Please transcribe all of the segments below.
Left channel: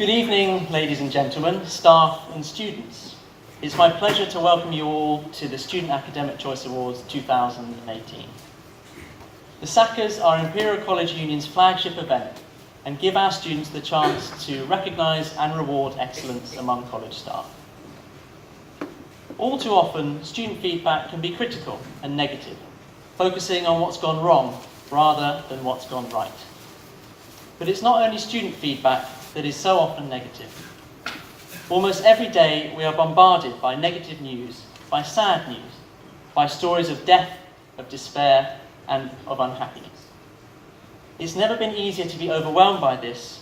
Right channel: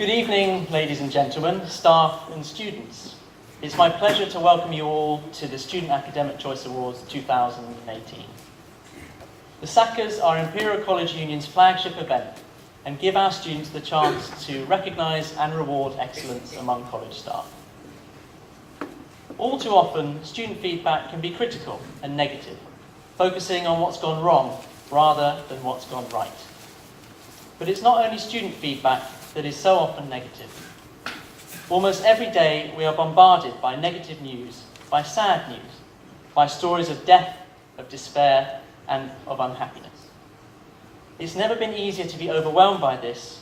Good evening, ladies and gentlemen, staff and students. It's my pleasure to welcome you all to the Student Academic Choice Awards 2018. The SACAs are Imperial College Union's flagship event and give our students the chance to recognise and reward excellence among college staff. All too often, student feedback can be critical and negative, focusing on what's gone wrong rather than what's gone right. But it's not only student feedback that is so often negative. Almost every day we are bombarded by negative news, by sad news, by stories of death, of despair, and of unhappiness. It's never been easier to be overwhelmed by this,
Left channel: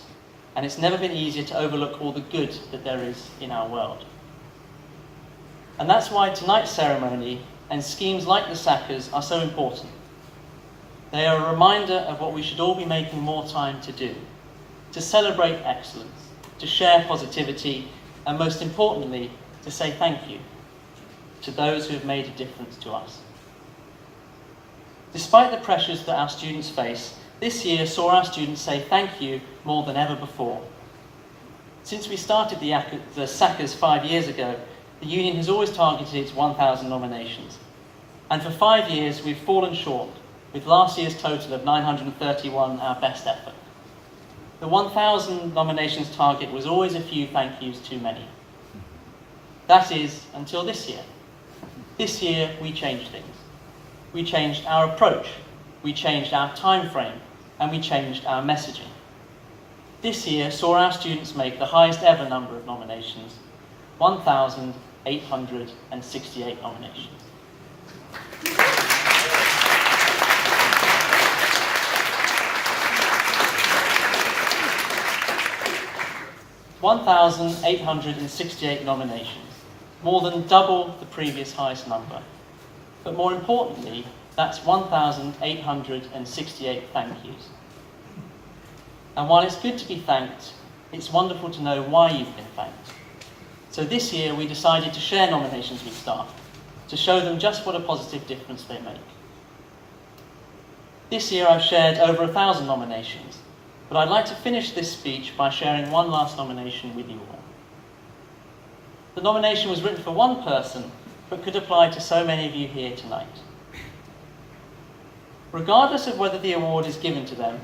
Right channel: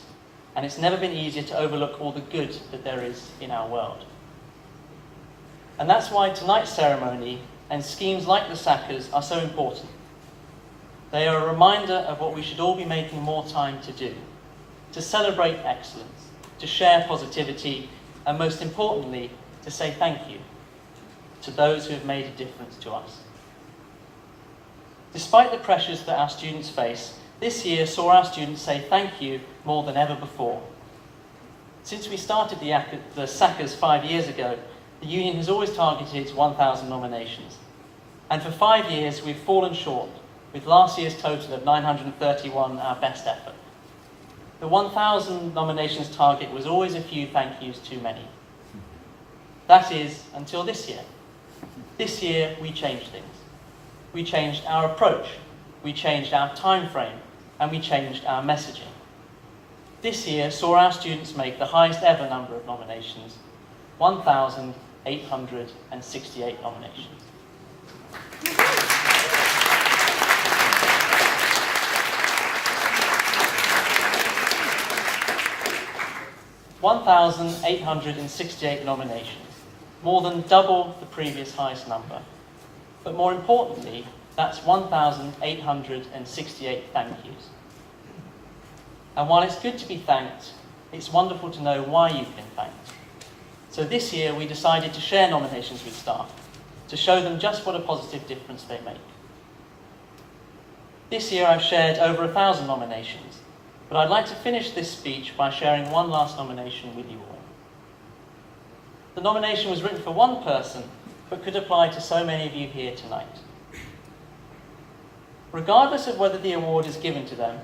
and it's never been easier to overlook all the good that there is in our world. And that's why tonight's ceremony and schemes like the SACAs are so important. They are a reminder of what we should all be making more time to do, to celebrate excellence, to share positivity, and most importantly, to say thank you to those who have made a difference to us. Despite the pressures that our students face, this year saw our students say thank you more than ever before. Since we started the SACAs 5 years ago, the union has always targeted 1,000 nominations. And for 5 years, we've fallen short, with last year's total of 931 our best effort. The 1,000 nominations target was always a few thank yous too many. That is, until this year. This year, we changed things. We changed our approach, we changed our time frame, and we changed our messaging. This year saw our students make the highest ever number of nominations, 1,868 nominations. 1,868 nominations, more than double the previous highest number. But more importantly, that's 1,868 thank yous. And while it's good to be thanked, it's wonderful to know why you've been thanked. So this year we decided to share nominations with staff, to show them just what a positive difference they make. This year I've shared over 1,000 nominations, but I'd like to finish this speech by sharing one last nomination with you all. The nomination was written for one person, but could apply to so many of you here tonight. Regardless of whether the award is given to them,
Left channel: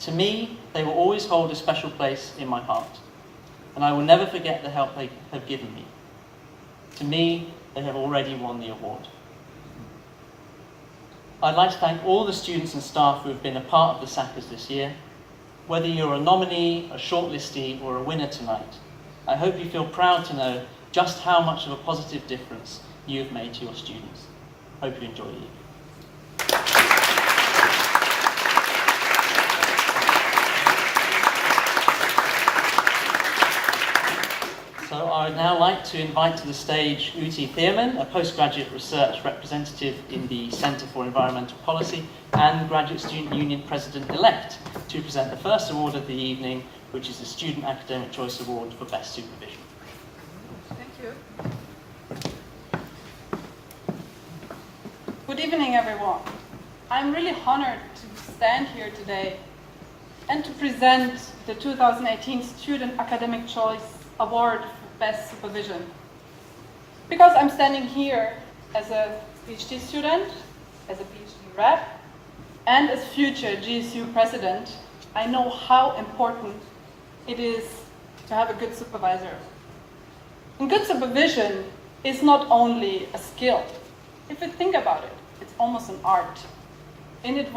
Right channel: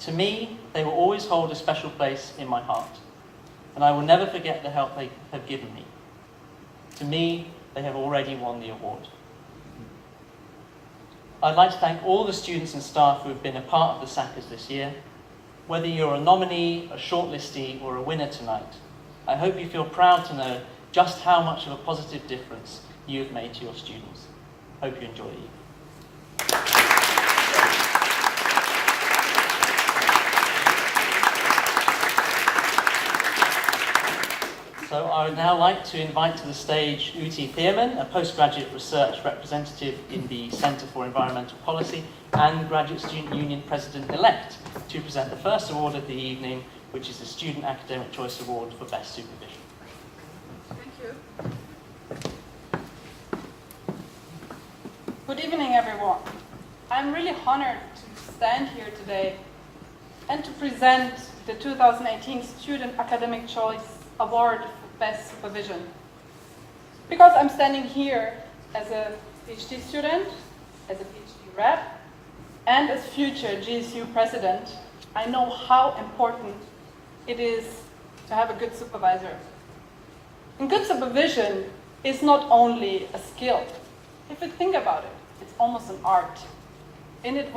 to me, they will always hold a special place in my heart, and I will never forget the help they have given me. To me, they have already won the award. I'd like to thank all the students and staff who have been a part of the SACAs this year. Whether you're a nominee, a shortlistee, or a winner tonight, I hope you feel proud to know just how much of a positive difference you have made to your students. Hope you enjoy the evening. So I would now like to invite to the stage Uti Thierman, a postgraduate research representative in the Centre for Environmental Policy and Graduate Student Union President-elect, to present the first award of the evening, which is the Student Academic Choice Award for Best Supervision. Thank you. Good evening, everyone. I'm really honored to stand here today and to present the 2018 Student Academic Choice Award for Best Supervision. Because I'm standing here as a PhD student, as a PhD rep, and as future GSU president, I know how important it is to have a good supervisor. And good supervision is not only a skill. If you think about it, it's almost an art. And it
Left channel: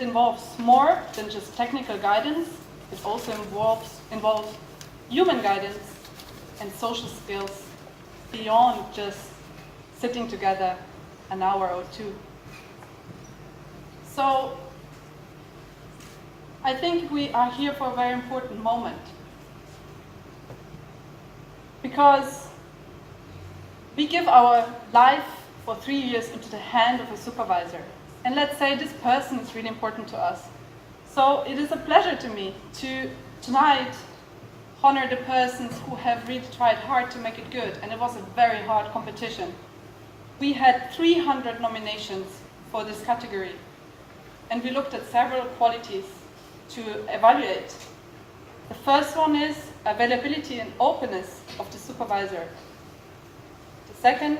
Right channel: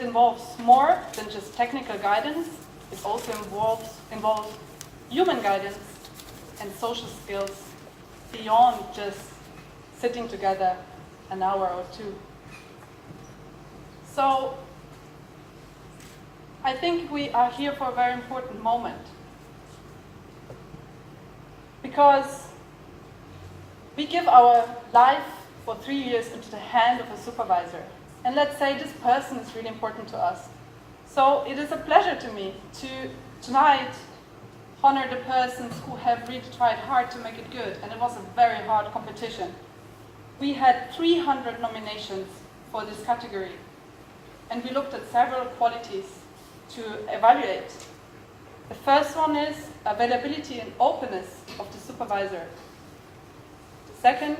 involves more than just technical guidance. It also involves human guidance and social skills beyond just sitting together an hour or two. So I think we are here for a very important moment, because we give our life for 3 years into the hand of a supervisor. And let's say this person is really important to us. So it is a pleasure to me to tonight honor the persons who have really tried hard to make it good, and it was a very hard competition. We had 300 nominations for this category, and we looked at several qualities to evaluate. The first one is availability and openness of the supervisor. The second,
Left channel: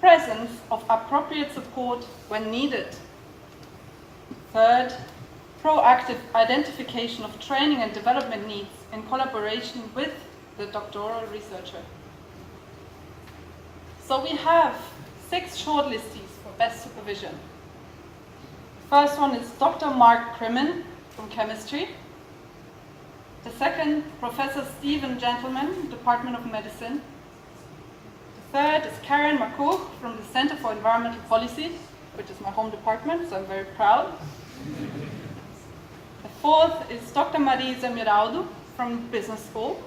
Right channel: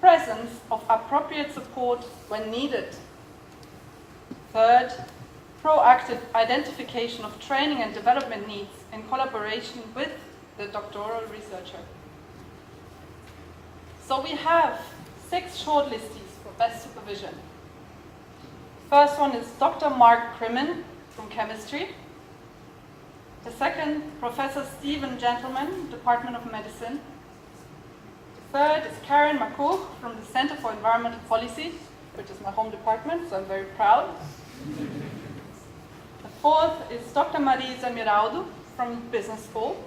presence of appropriate support when needed. Third, proactive identification of training and development needs in collaboration with the doctoral researcher. So we have 6 shortlistees for best supervision. First one is Dr. Mark Crimmen from chemistry. The second, Professor Stephen Gentleman, Department of Medicine. The third is Karen McCook from the Center for Environmental Policy, which is my home department, so I'm very proud. The fourth is Dr. Marisa Miraldo from Business School.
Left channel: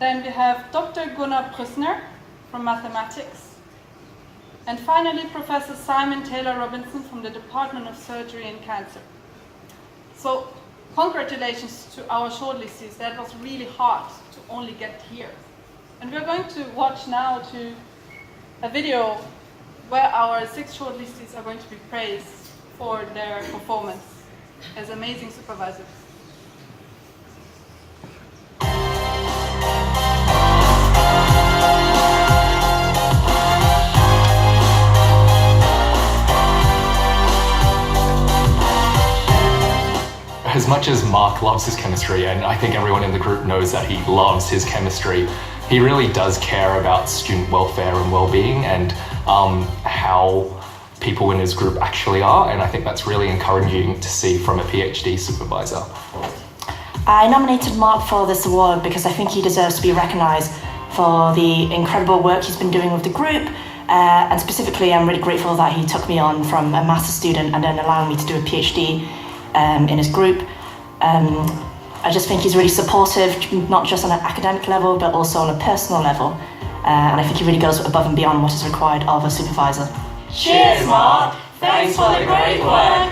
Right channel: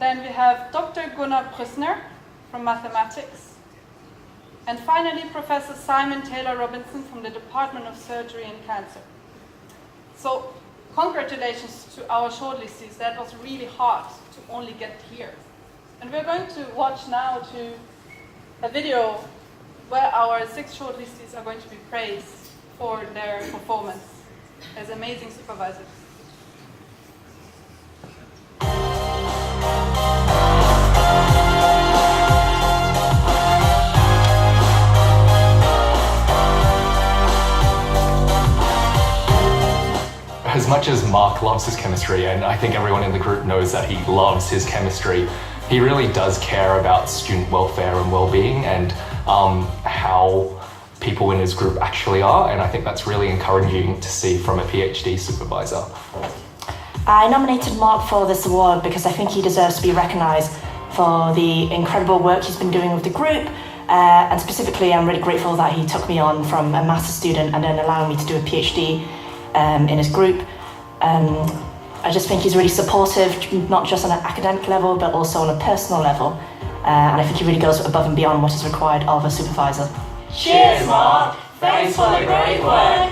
Then we have Dr. Gunnar Prüssner from Mathematics. And finally, Professor Simon Taylor Robinson from the Department of Surgery and Cancer. So, congratulations to our shortlistees. That was really hard to only get here. And we're going to watch now a video where our 6 shortlistees are going to be praised for their performance as amazing supervisors. As much as Mark loves his chemistry, and I think everyone in the group knows that he loves his chemistry, he really does care about student welfare and well-being and how people in his group actually are, and I think that's really encouraging to see from a PhD supervisor. I nominated Mark for this award because I think he deserves to be recognised for the incredible work he's been doing with the group, and specifically I'm really grateful that he took me on from a master's student and then allowing me to do a PhD in his group. I just think he's really supportive, not just on an academic level, but also on a personal level. And I think he really goes above and beyond what is required of a supervisor. Cheers, Mark! Thanks for the great work!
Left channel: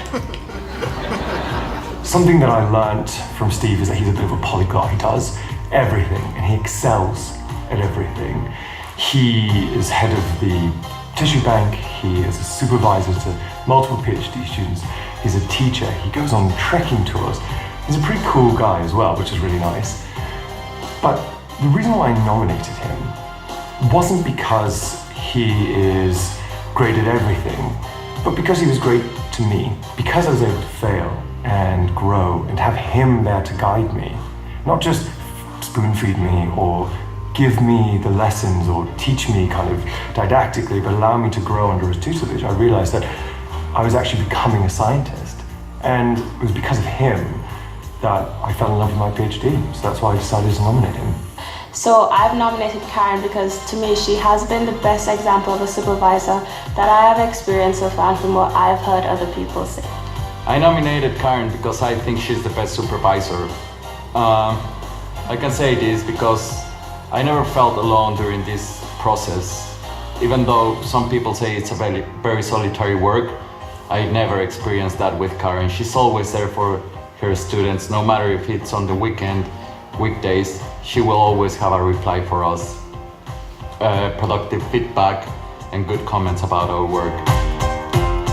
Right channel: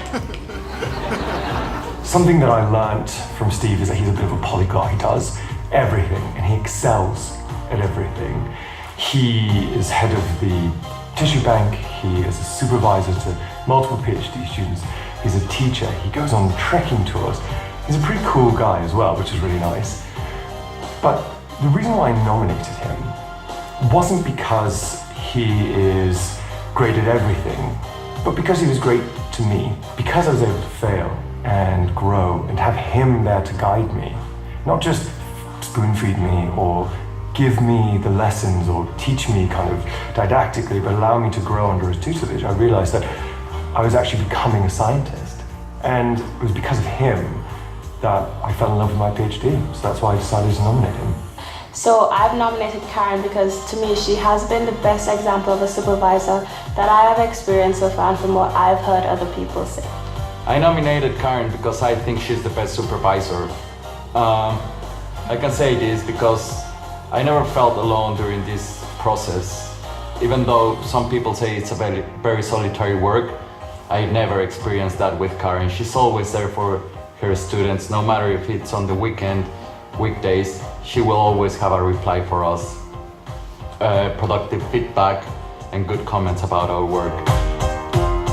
Something that I learnt from Steve is that he's a bit of a polyglot. He does everything, and he excels at everything. He is head of the tissue bank, he is a supervisor to multiple PhD students, he's a teacher, he goes on trekking tours. He's a pretty cool guy as well, which is really nice. But the reason why I nominated him wasn't because he is great at everything, but because he was great to me, because I was able to fail and grow and have him there to guide me, not just spoon feed me or give me the lessons or teach me kind of didactically, but allow me to grow under his tutelage. I realized that I was actually becoming a scientist, and it was because of him that I fell in love with my PhD, so that's why I decided to nominate him. So I've nominated Karen because to me she has been the best example of a supervisor that I have experienced so far and from what I've heard other people say. I nominated Karen because I think she's the best supervisor. I can say this because I never felt alone during this process. Even though some people say it's a very, very solitary work, I never experienced that with Karen. She's always there for her students, no matter if it's on the weekend, weekdays, she will always have a reply for us. Productive feedback and good comments about our work.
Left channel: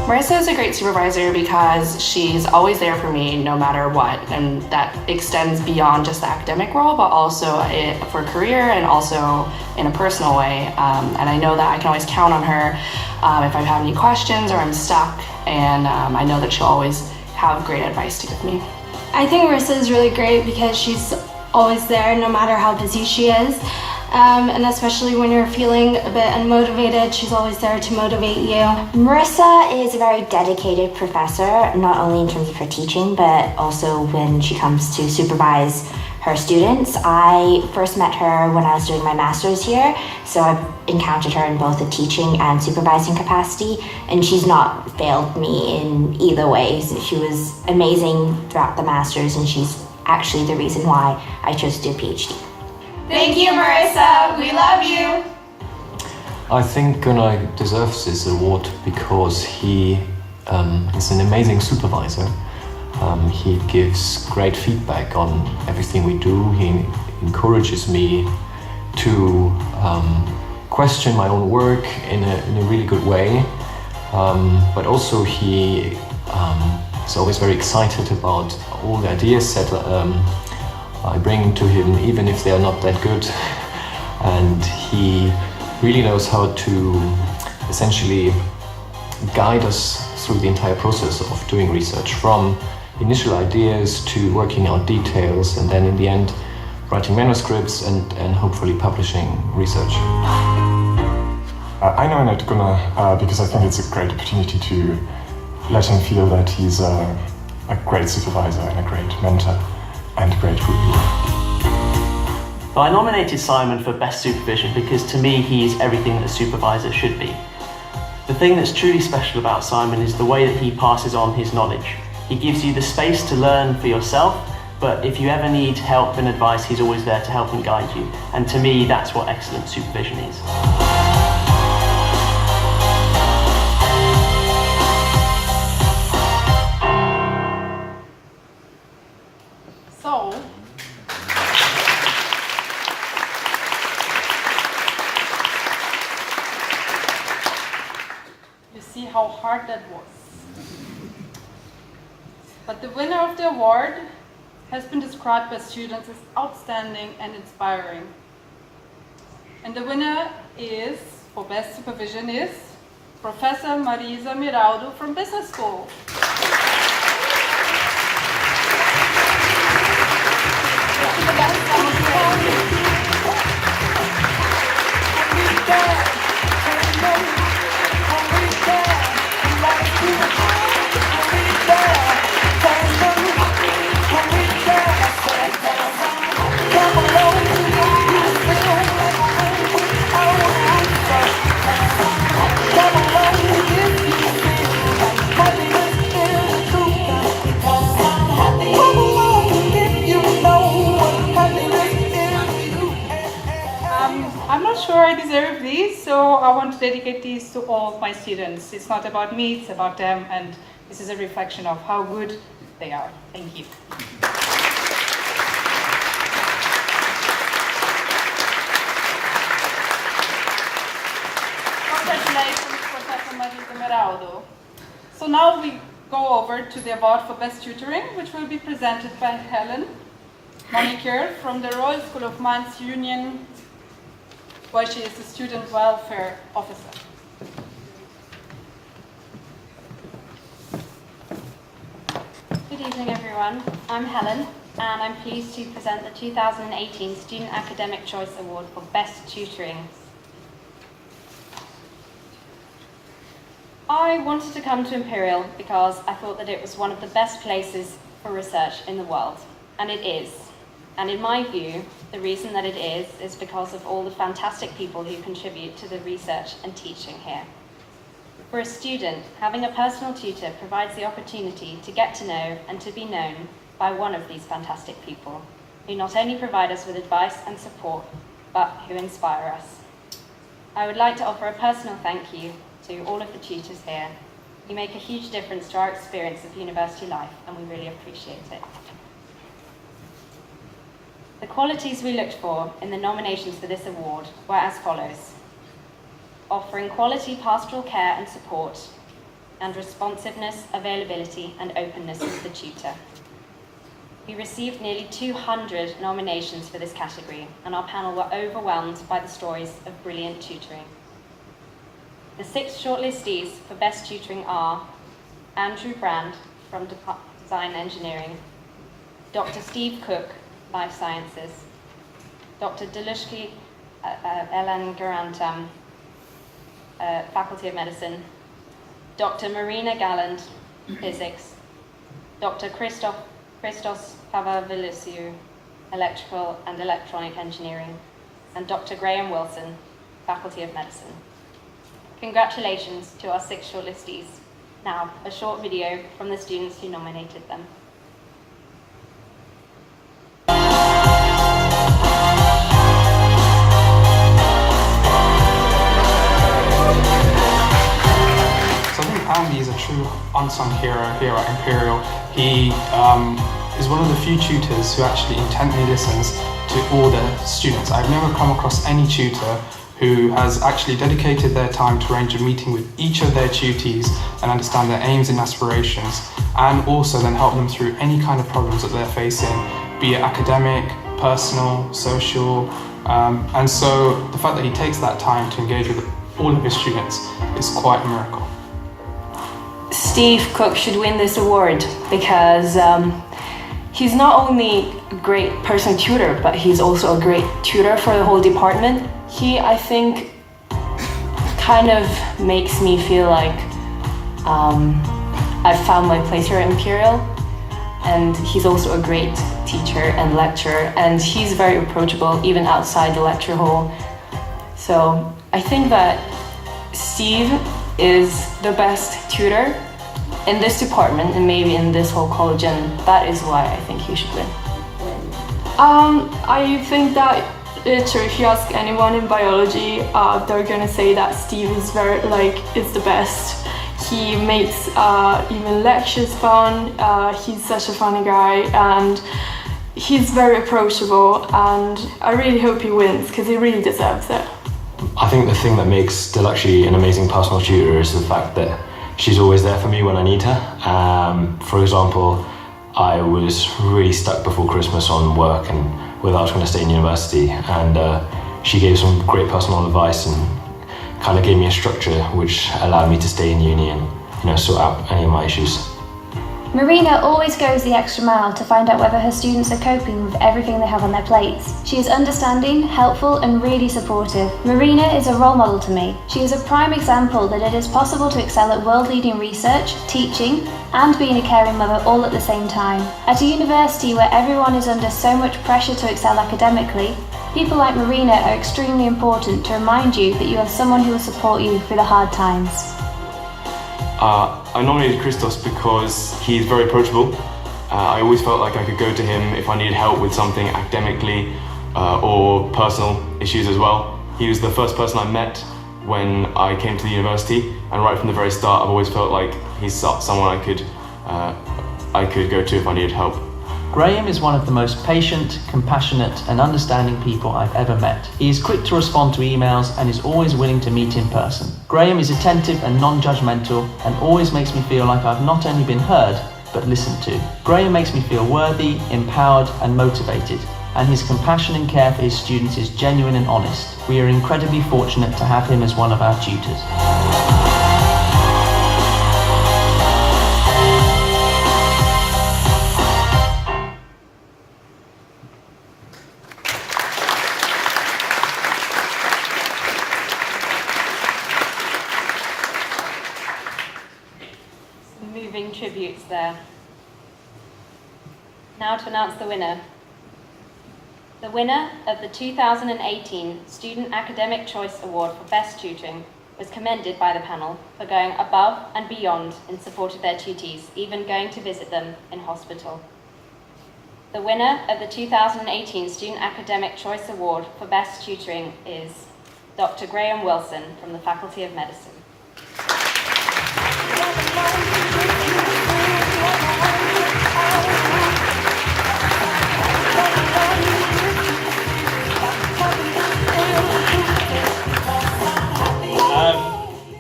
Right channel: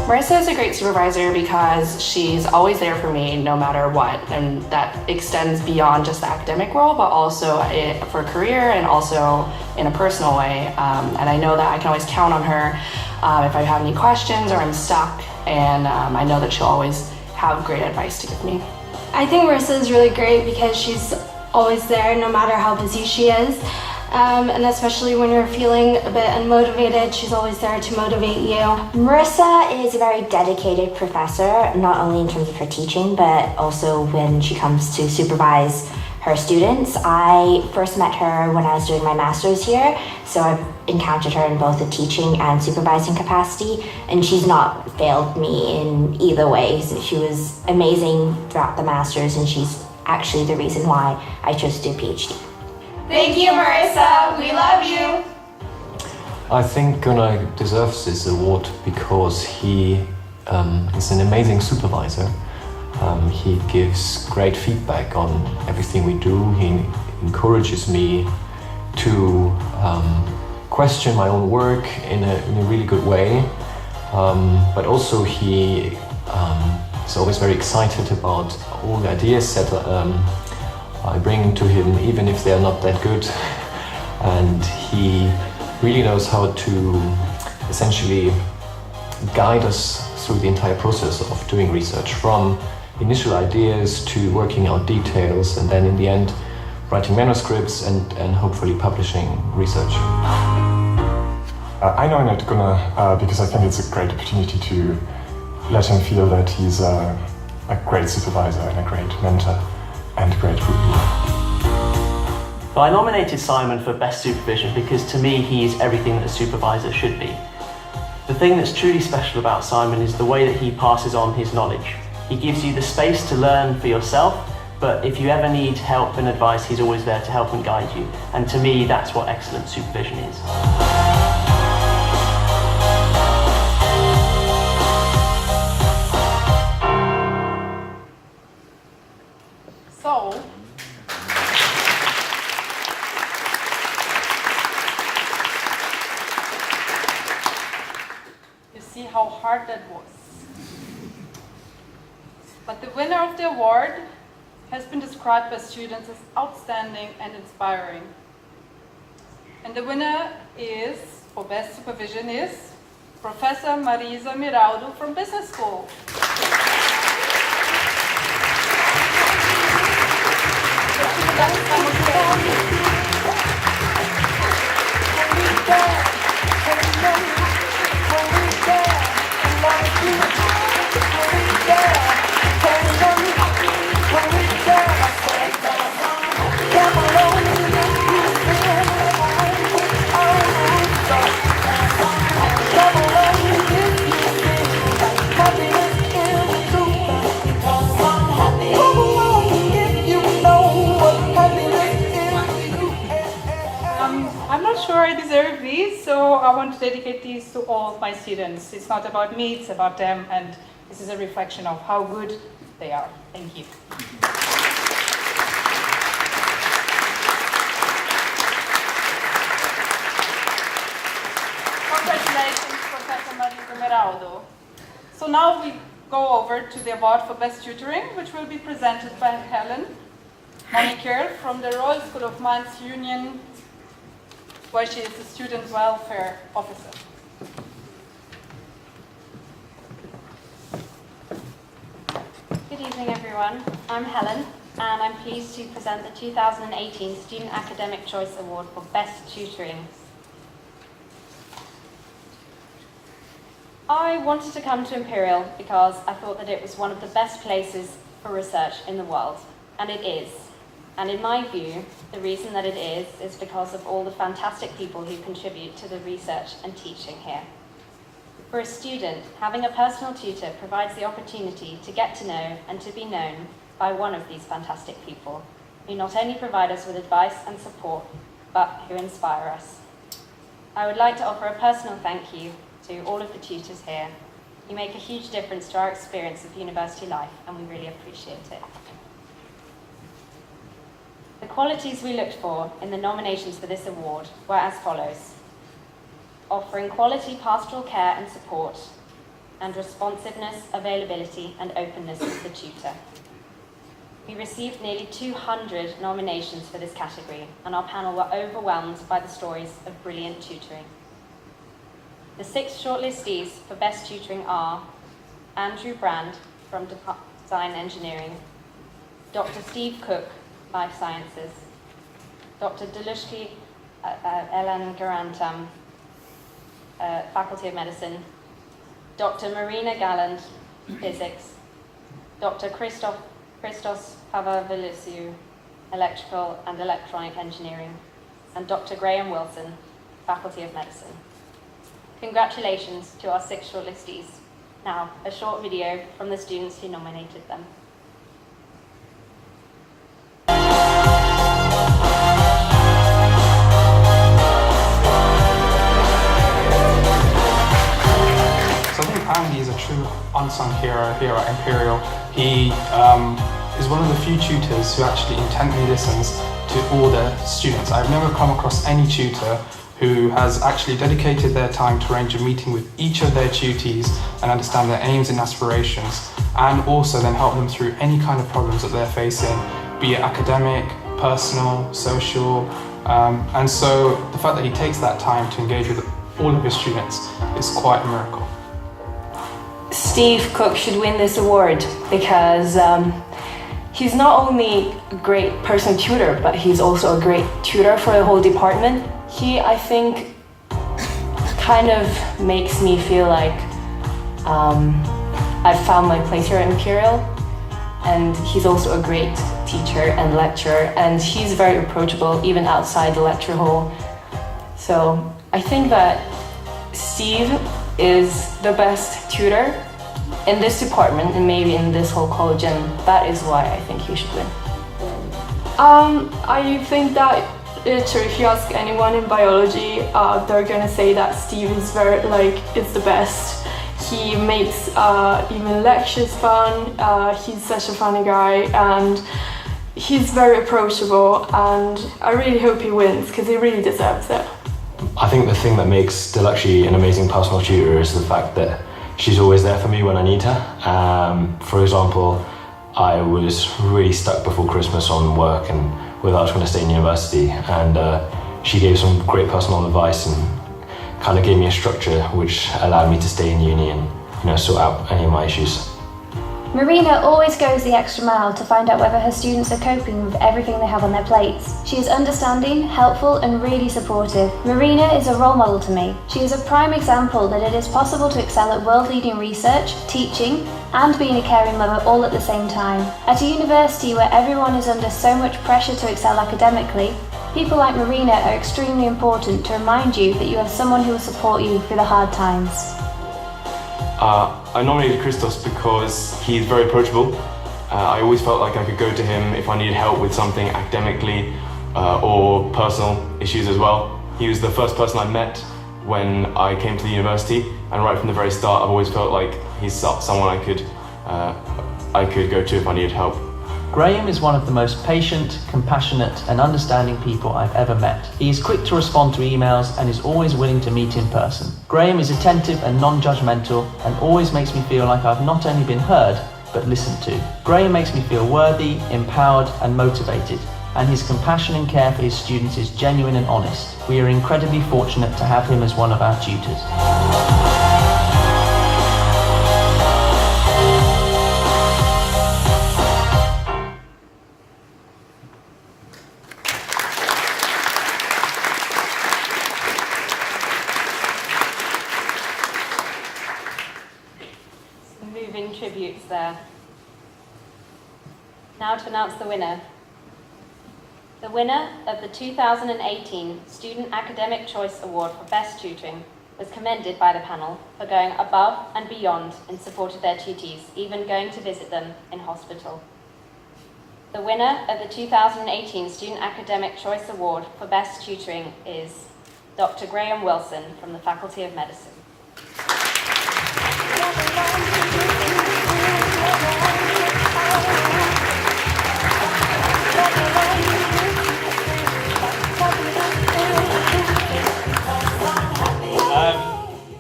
Marissa is a great supervisor because she's always there for me no matter what, and that extends beyond just the academic role, but also for career and also in a personal way. And I know that I can always count on her if I have any questions or I'm stuck, and I know that she'll always have great advice to give me. I think Marissa is really great because she's always there no matter how busy she is. And especially when you're feeling a bit unmotivated, she's always there to motivate you. Marissa is a very dedicated professor, not only in terms of her teaching, but also when she comes to supervise her students. I first met her when I was doing my master's here, so I've encountered her in both a teaching and supervising capacity, and she's not failed me in either way. So she was amazing throughout the master's, and she's actually the reason why I chose to do a PhD. Thank you, Marissa. We love you. I think Gunnar deserves this award because he is an amazing supervisor. He gives great feedback on everything we do. He encourages me to question my own work in a really good way. But also he is always very excited about all the ideas that I bring to him, even if they're not that good. And he really knows how to essentially guide us through the entire process of doing research, from initial ideas to working out details, and then in the end writing manuscripts and hopefully publishing research. I know I'm not gonna, because I think it's a great opportunity to let him feel that he's a great supervisor and a great mentor and a great group leader. But I nominated Simon for Best Supervision because to me he is everything that a supervisor should be. The thing that's truly special about Simon is the way that he passes on his knowledge. He gives you the space to learn for yourself, but if you ever need help and advice, he's always there to help and guide you. And to me, that's what excellent supervision is. So, you see how hard that was. But the winner of the award has been described by students as outstanding and inspiring. And the winner is, for Best Supervision, is Professor Marisa Miraldo from Business School. I'm not sure I deserve these, so I want to dedicate these to all of my students. It's not about me, it's about them, and this is a reflection of how good they are. Thank you. Congratulations, Professor Marisa Miraldo. So now we go over to the award for Best Tutoring, which will be presented by Helen Moniker from the Royal School of Mines Union, where she is a student welfare officer. Good evening, everyone. I'm Helen, and I'm pleased to present the 2018 Student Academic Choice Award for Best Tutoring. I wanted to come to Imperial because I thought that it was one of the best places for research in the world, and it is. And in my view, the reason that it is because of all the fantastic people who contribute to the research and teaching here. For a student, having a personal tutor provides the opportunity to get to know and to be known by one of these fantastic people, who not only provide us with advice and support, but who inspire us. I would like to offer a personal thank you to all of the tutors here. You make a huge difference to our experience of university life, and we really appreciate it. The qualities we looked for in the nominations for this award were as follows: offering quality pastoral care and support, and responsiveness, availability, and openness of the tutor. We received nearly 200 nominations for this category, and our panel were overwhelmed by the stories of brilliant tutoring. The 6 shortlistees for Best Tutoring are Andrew Brand from Design Engineering, Dr. Steve Cook, Life Sciences, Dr. Delushki Elangarantam, Faculty of Medicine, Dr. Marina Galland, Physics, Dr. Christos Pavavillisiou, Electrical and Electronic Engineering, and Dr. Graham Wilson, Faculty of Medicine. Congratulations to our 6 shortlistees. Now, a short video from the students who nominated them. So I think Andy is a true unsung hero here at Imperial. He is one of the few tutors who actually intently listens to all their students. I've never come across any tutor who has actually dedicated their time to arrange a meeting with each of their tutees and understand their aims and aspirations, and also then help them through any kind of problems that they're facing be it academic, personal, social, and so the fact that he takes that time to engage with all of his students is quite a miracle. Steve Cook should win this award because he's not only a great personal tutor, but he's also a great tutor for the whole department. He, I think, kind of makes me feel like I've found my place here at Imperial, and he's also a great teacher and lecturer, and he's very approachable even outside the lecture hall. So I think that Steve is the best tutor in this department and maybe in this whole college, and that is why I think he should win. I think that if you ask anyone in biology, they're gonna say that Steve is is the best. He makes even lectures fun. He's such a funny guy, and he's very approachable. And I really hope he wins because he really deserves it. I think the thing that makes Dilakshi an amazing personal tutor is the fact that she's always there for me when I need her. For example, I was really stuck before Christmas on work and whether I was going to stay in university, and she gave some great personal advice and kind of gave me a structure which allowed me to stay in uni and sort out any of my issues. Marina always goes the extra mile to find out whether her students are coping with everything they have on their plates. She is understanding, helpful and really supportive. Marina is a role model to me. She is a prime example that it is possible to excel at world-leading research, teaching and being a caring mother all at the same time. At a university where everyone is under so much pressure to excel academically, people like Marina are extremely important to remind you that you have someone who will support you through the hard times. I nominated Christos because he's very approachable. I always felt like I could go to him if I needed help with something academically or personal issues as well. He was the first person I met when I came to the university, and right from the very start I've always felt like he's someone I could go to if I needed help. Graham is one of the most patient, compassionate and understanding people I've ever met. He is quick to respond to emails and is always willing to meet in person. Graham is attentive and non-judgmental and always makes me feel like I've not only been heard, but listened to. Graham makes me feel worthy, empowered and motivated, and his compassion and care for his students is genuine and honest. We are incredibly fortunate to have him as one of our tutors. Tributes there. Now to announce the winner. The winner of the 2018 Student Academic Choice Award for Best Tutoring was commended by the panel for going above and beyond in support of their tutees, even going to visit them in hospital. The winner of the 2018 Student Academic Choice Award for Best Tutoring is Dr. Graham Wilson from the Faculty of Medicine.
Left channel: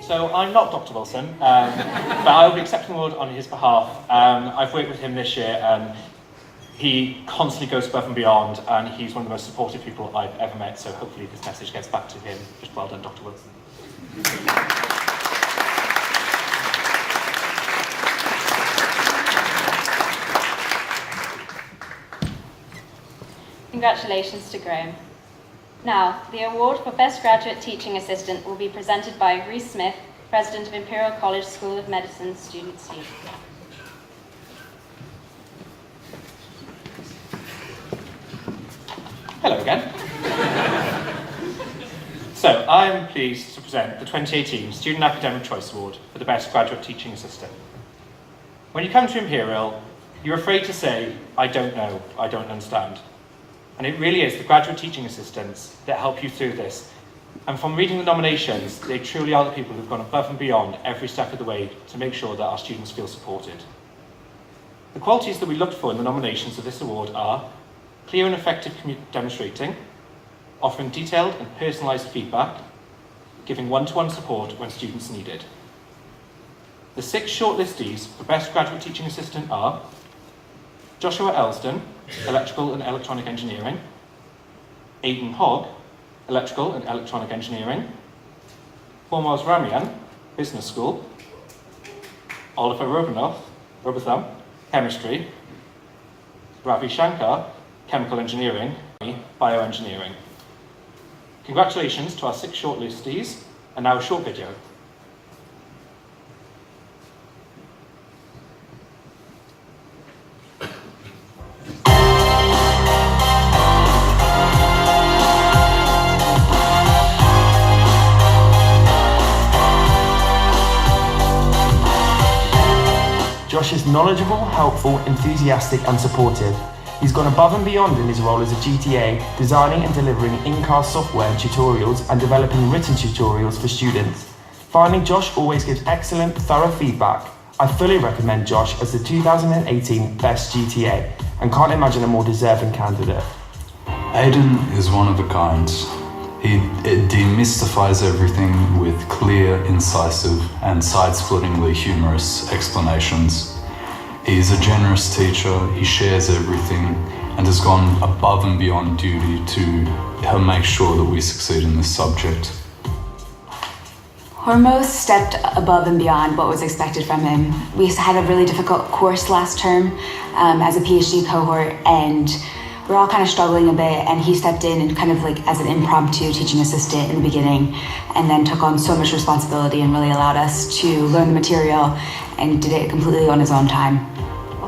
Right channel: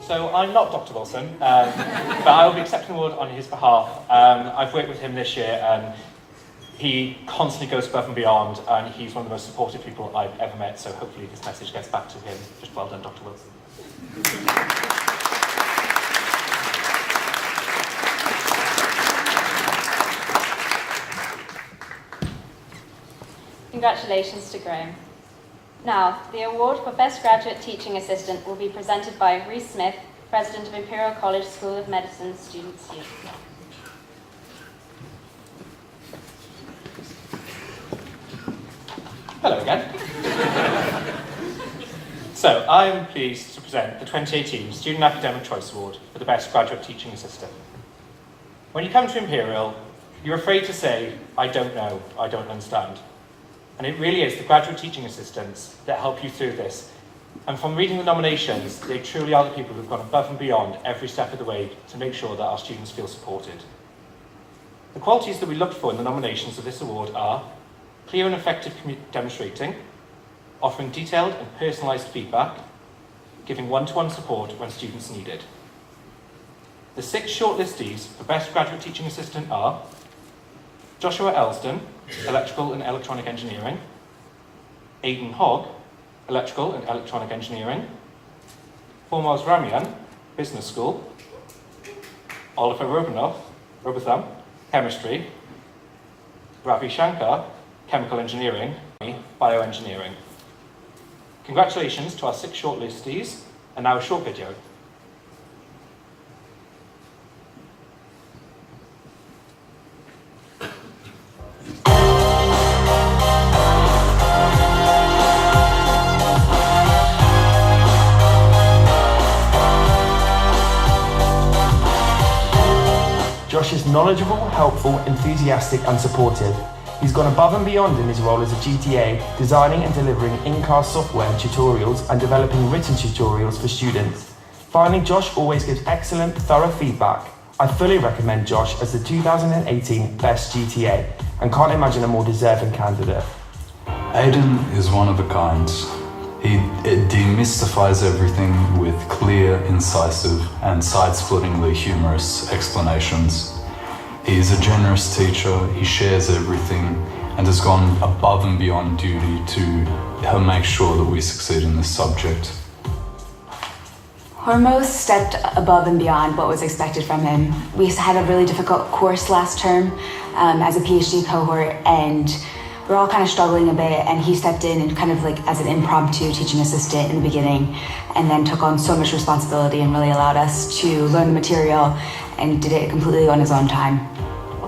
So I'm not Dr. Wilson, but I will be accepting the award on his behalf. I've worked with him this year and he constantly goes above and beyond, and he's one of the most supportive people I've ever met, so hopefully this message gets back to him. Just well done, Dr. Wilson. Congratulations to Graham. Now, the award for Best Graduate Teaching Assistant will be presented by Reese Smith, President of Imperial College School of Medicine Students Youth. Hello again. So, I am pleased to present the 2018 Student Academic Choice Award for the Best Graduate Teaching Assistant. When you come to Imperial, you're afraid to say, I don't know, I don't understand. And it really is the graduate teaching assistants that help you through this. And from reading the nominations, they truly are the people who've gone above and beyond every step of the way to make sure that our students feel supported. The qualities that we looked for in the nominations of this award are clear and effective demonstrating, offering detailed and personalised feedback, giving one-to-one support when students need it. The 6 shortlistees for Best Graduate Teaching Assistant are Joshua Elston, Electrical and Electronic Engineering. Aidan Hogg, Electrical and Electronic Engineering. Hormoz Ramian, Business School. Oliver Robotham, Chemistry. Ravi Shankar, Chemical Engineering, Bioengineering. Congratulations to our 6 shortlistees, and now a short video. Josh is knowledgeable, helpful, enthusiastic and supportive. He's gone above and beyond in his role as a GTA, designing and delivering in-car software and tutorials and developing written tutorials for students. Finally, Josh always gives excellent, thorough feedback. I fully recommend Josh as the 2018 Best GTA and can't imagine a more deserving candidate. Aidan is one of a kind. He demystifies everything with clear, incisive, and side-splittingly humorous explanations. He's a generous teacher, he shares everything, and has gone above and beyond duty to make sure that we succeed in this subject. Hormoz stepped above and beyond what was expected from him. We had a really difficult course last term as a PhD cohort, and we're all kind of struggling a bit, and he stepped in and kind of like as an impromptu teaching assistant in the beginning, and then took on so much responsibility and really allowed us to learn the material and did it completely on his own time.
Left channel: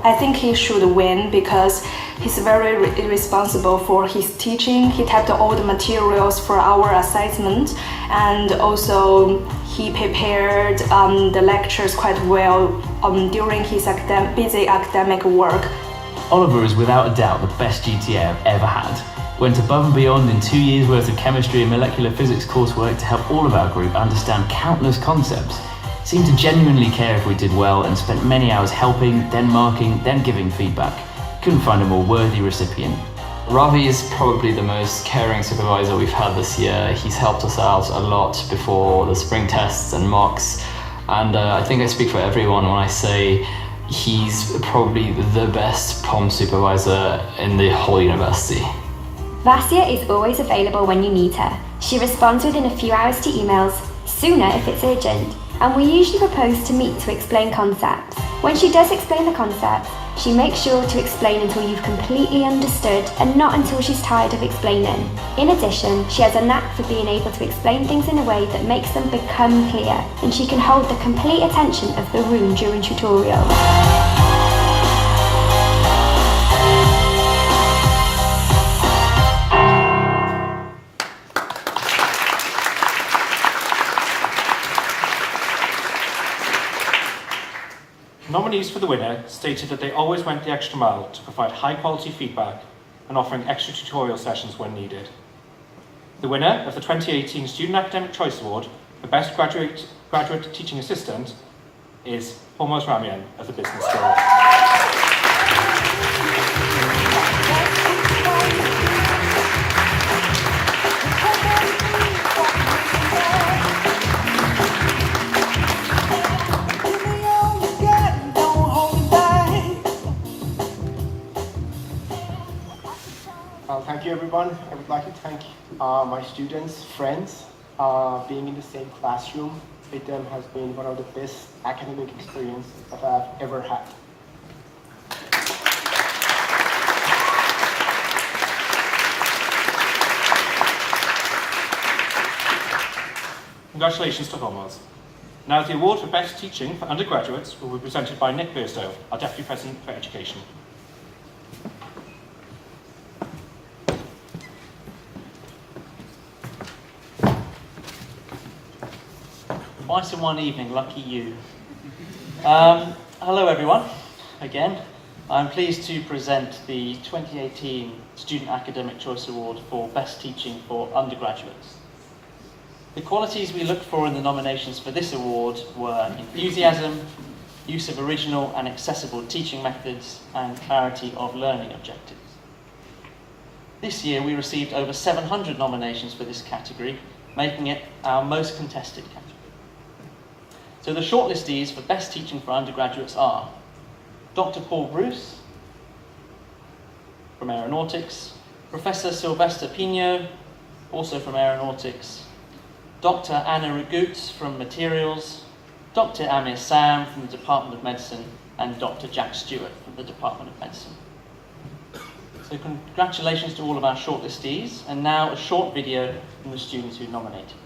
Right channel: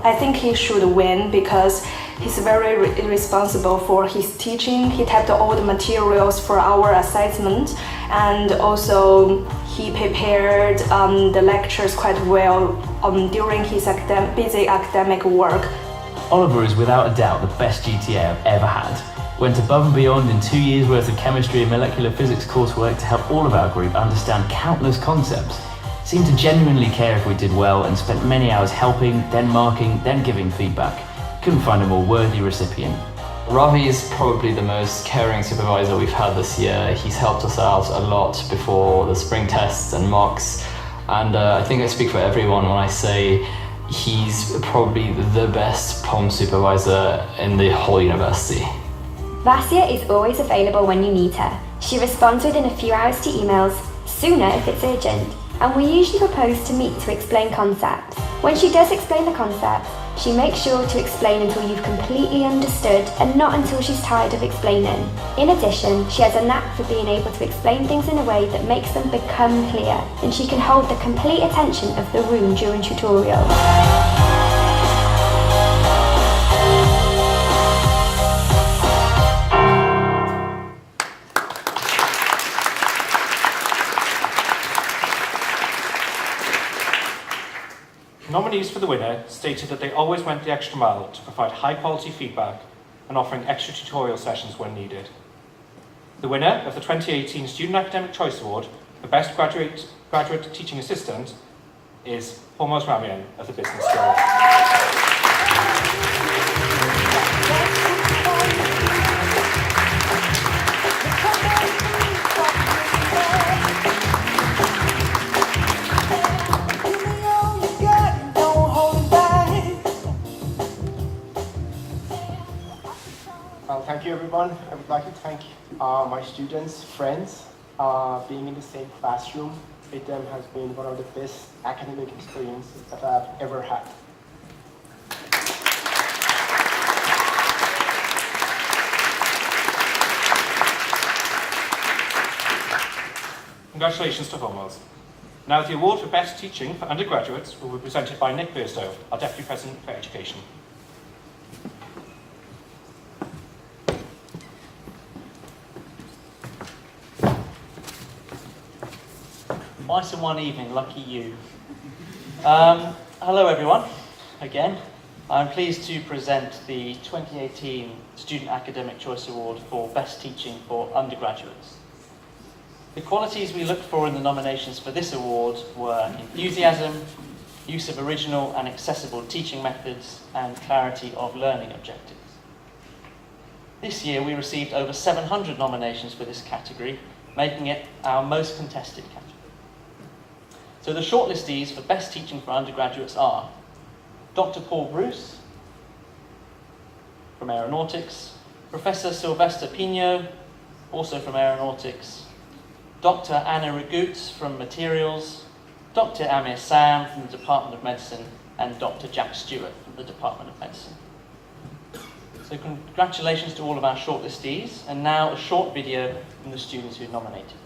I think he should win because he's very responsible for his teaching. He typed all the materials for our assessment, and also he prepared the lectures quite well during his busy academic work. Oliver is without a doubt the best GTA I've ever had. Went above and beyond in 2 years worth of chemistry and molecular physics coursework to help all of our group understand countless concepts. Seemed to genuinely care if we did well and spent many hours helping, then marking, then giving feedback. Couldn't find a more worthy recipient. Ravi is probably the most caring supervisor we've had this year. He's helped us out a lot before the spring tests and mocks, and I think I speak for everyone when I say he's probably the best POM supervisor in the whole university. Vasya is always available when you need her. She responds within a few hours to emails, sooner if it's urgent, and we usually propose to meet to explain concepts. When she does explain the concepts, she makes sure to explain until you've completely understood and not until she's tired of explaining. In addition, she has a knack for being able to explain things in a way that makes them become clear, and she can hold the complete attention of the room during tutorials. Nominees for the winner stated that they always went the extra mile to provide high-quality feedback and offering extra tutorial sessions when needed. The winner of the 2018 Student Academic Choice Award for Best Graduate Teaching Assistant is Hormoz Ramian of the Business School. Thank you, everyone. I would like to thank my students, friends. Being in the same classroom with them has been one of the best academic experiences that I've ever had. Congratulations to Hormoz. Now the award for Best Teaching for undergraduates will be presented by Nick Burstow, our Deputy President for Education. Twice in one evening, lucky you. Hello everyone, again. I'm pleased to present the 2018 Student Academic Choice Award for Best Teaching for Undergraduates. The qualities we looked for in the nominations for this award were enthusiasm, use of original and accessible teaching methods, and clarity of learning objectives. This year we received over 700 nominations for this category, making it our most contested category. So the shortlistees for Best Teaching for Undergraduates are Dr. Paul Bruce, from Aeronautics, Professor Sylvester Pino, also from Aeronautics, Dr. Anna Ragoots from Materials, Dr. Amir Sam from the Department of Medicine, and Dr. Jack Stewart from the Department of Medicine. So congratulations to all of our shortlistees, and now a short video from the students who nominated.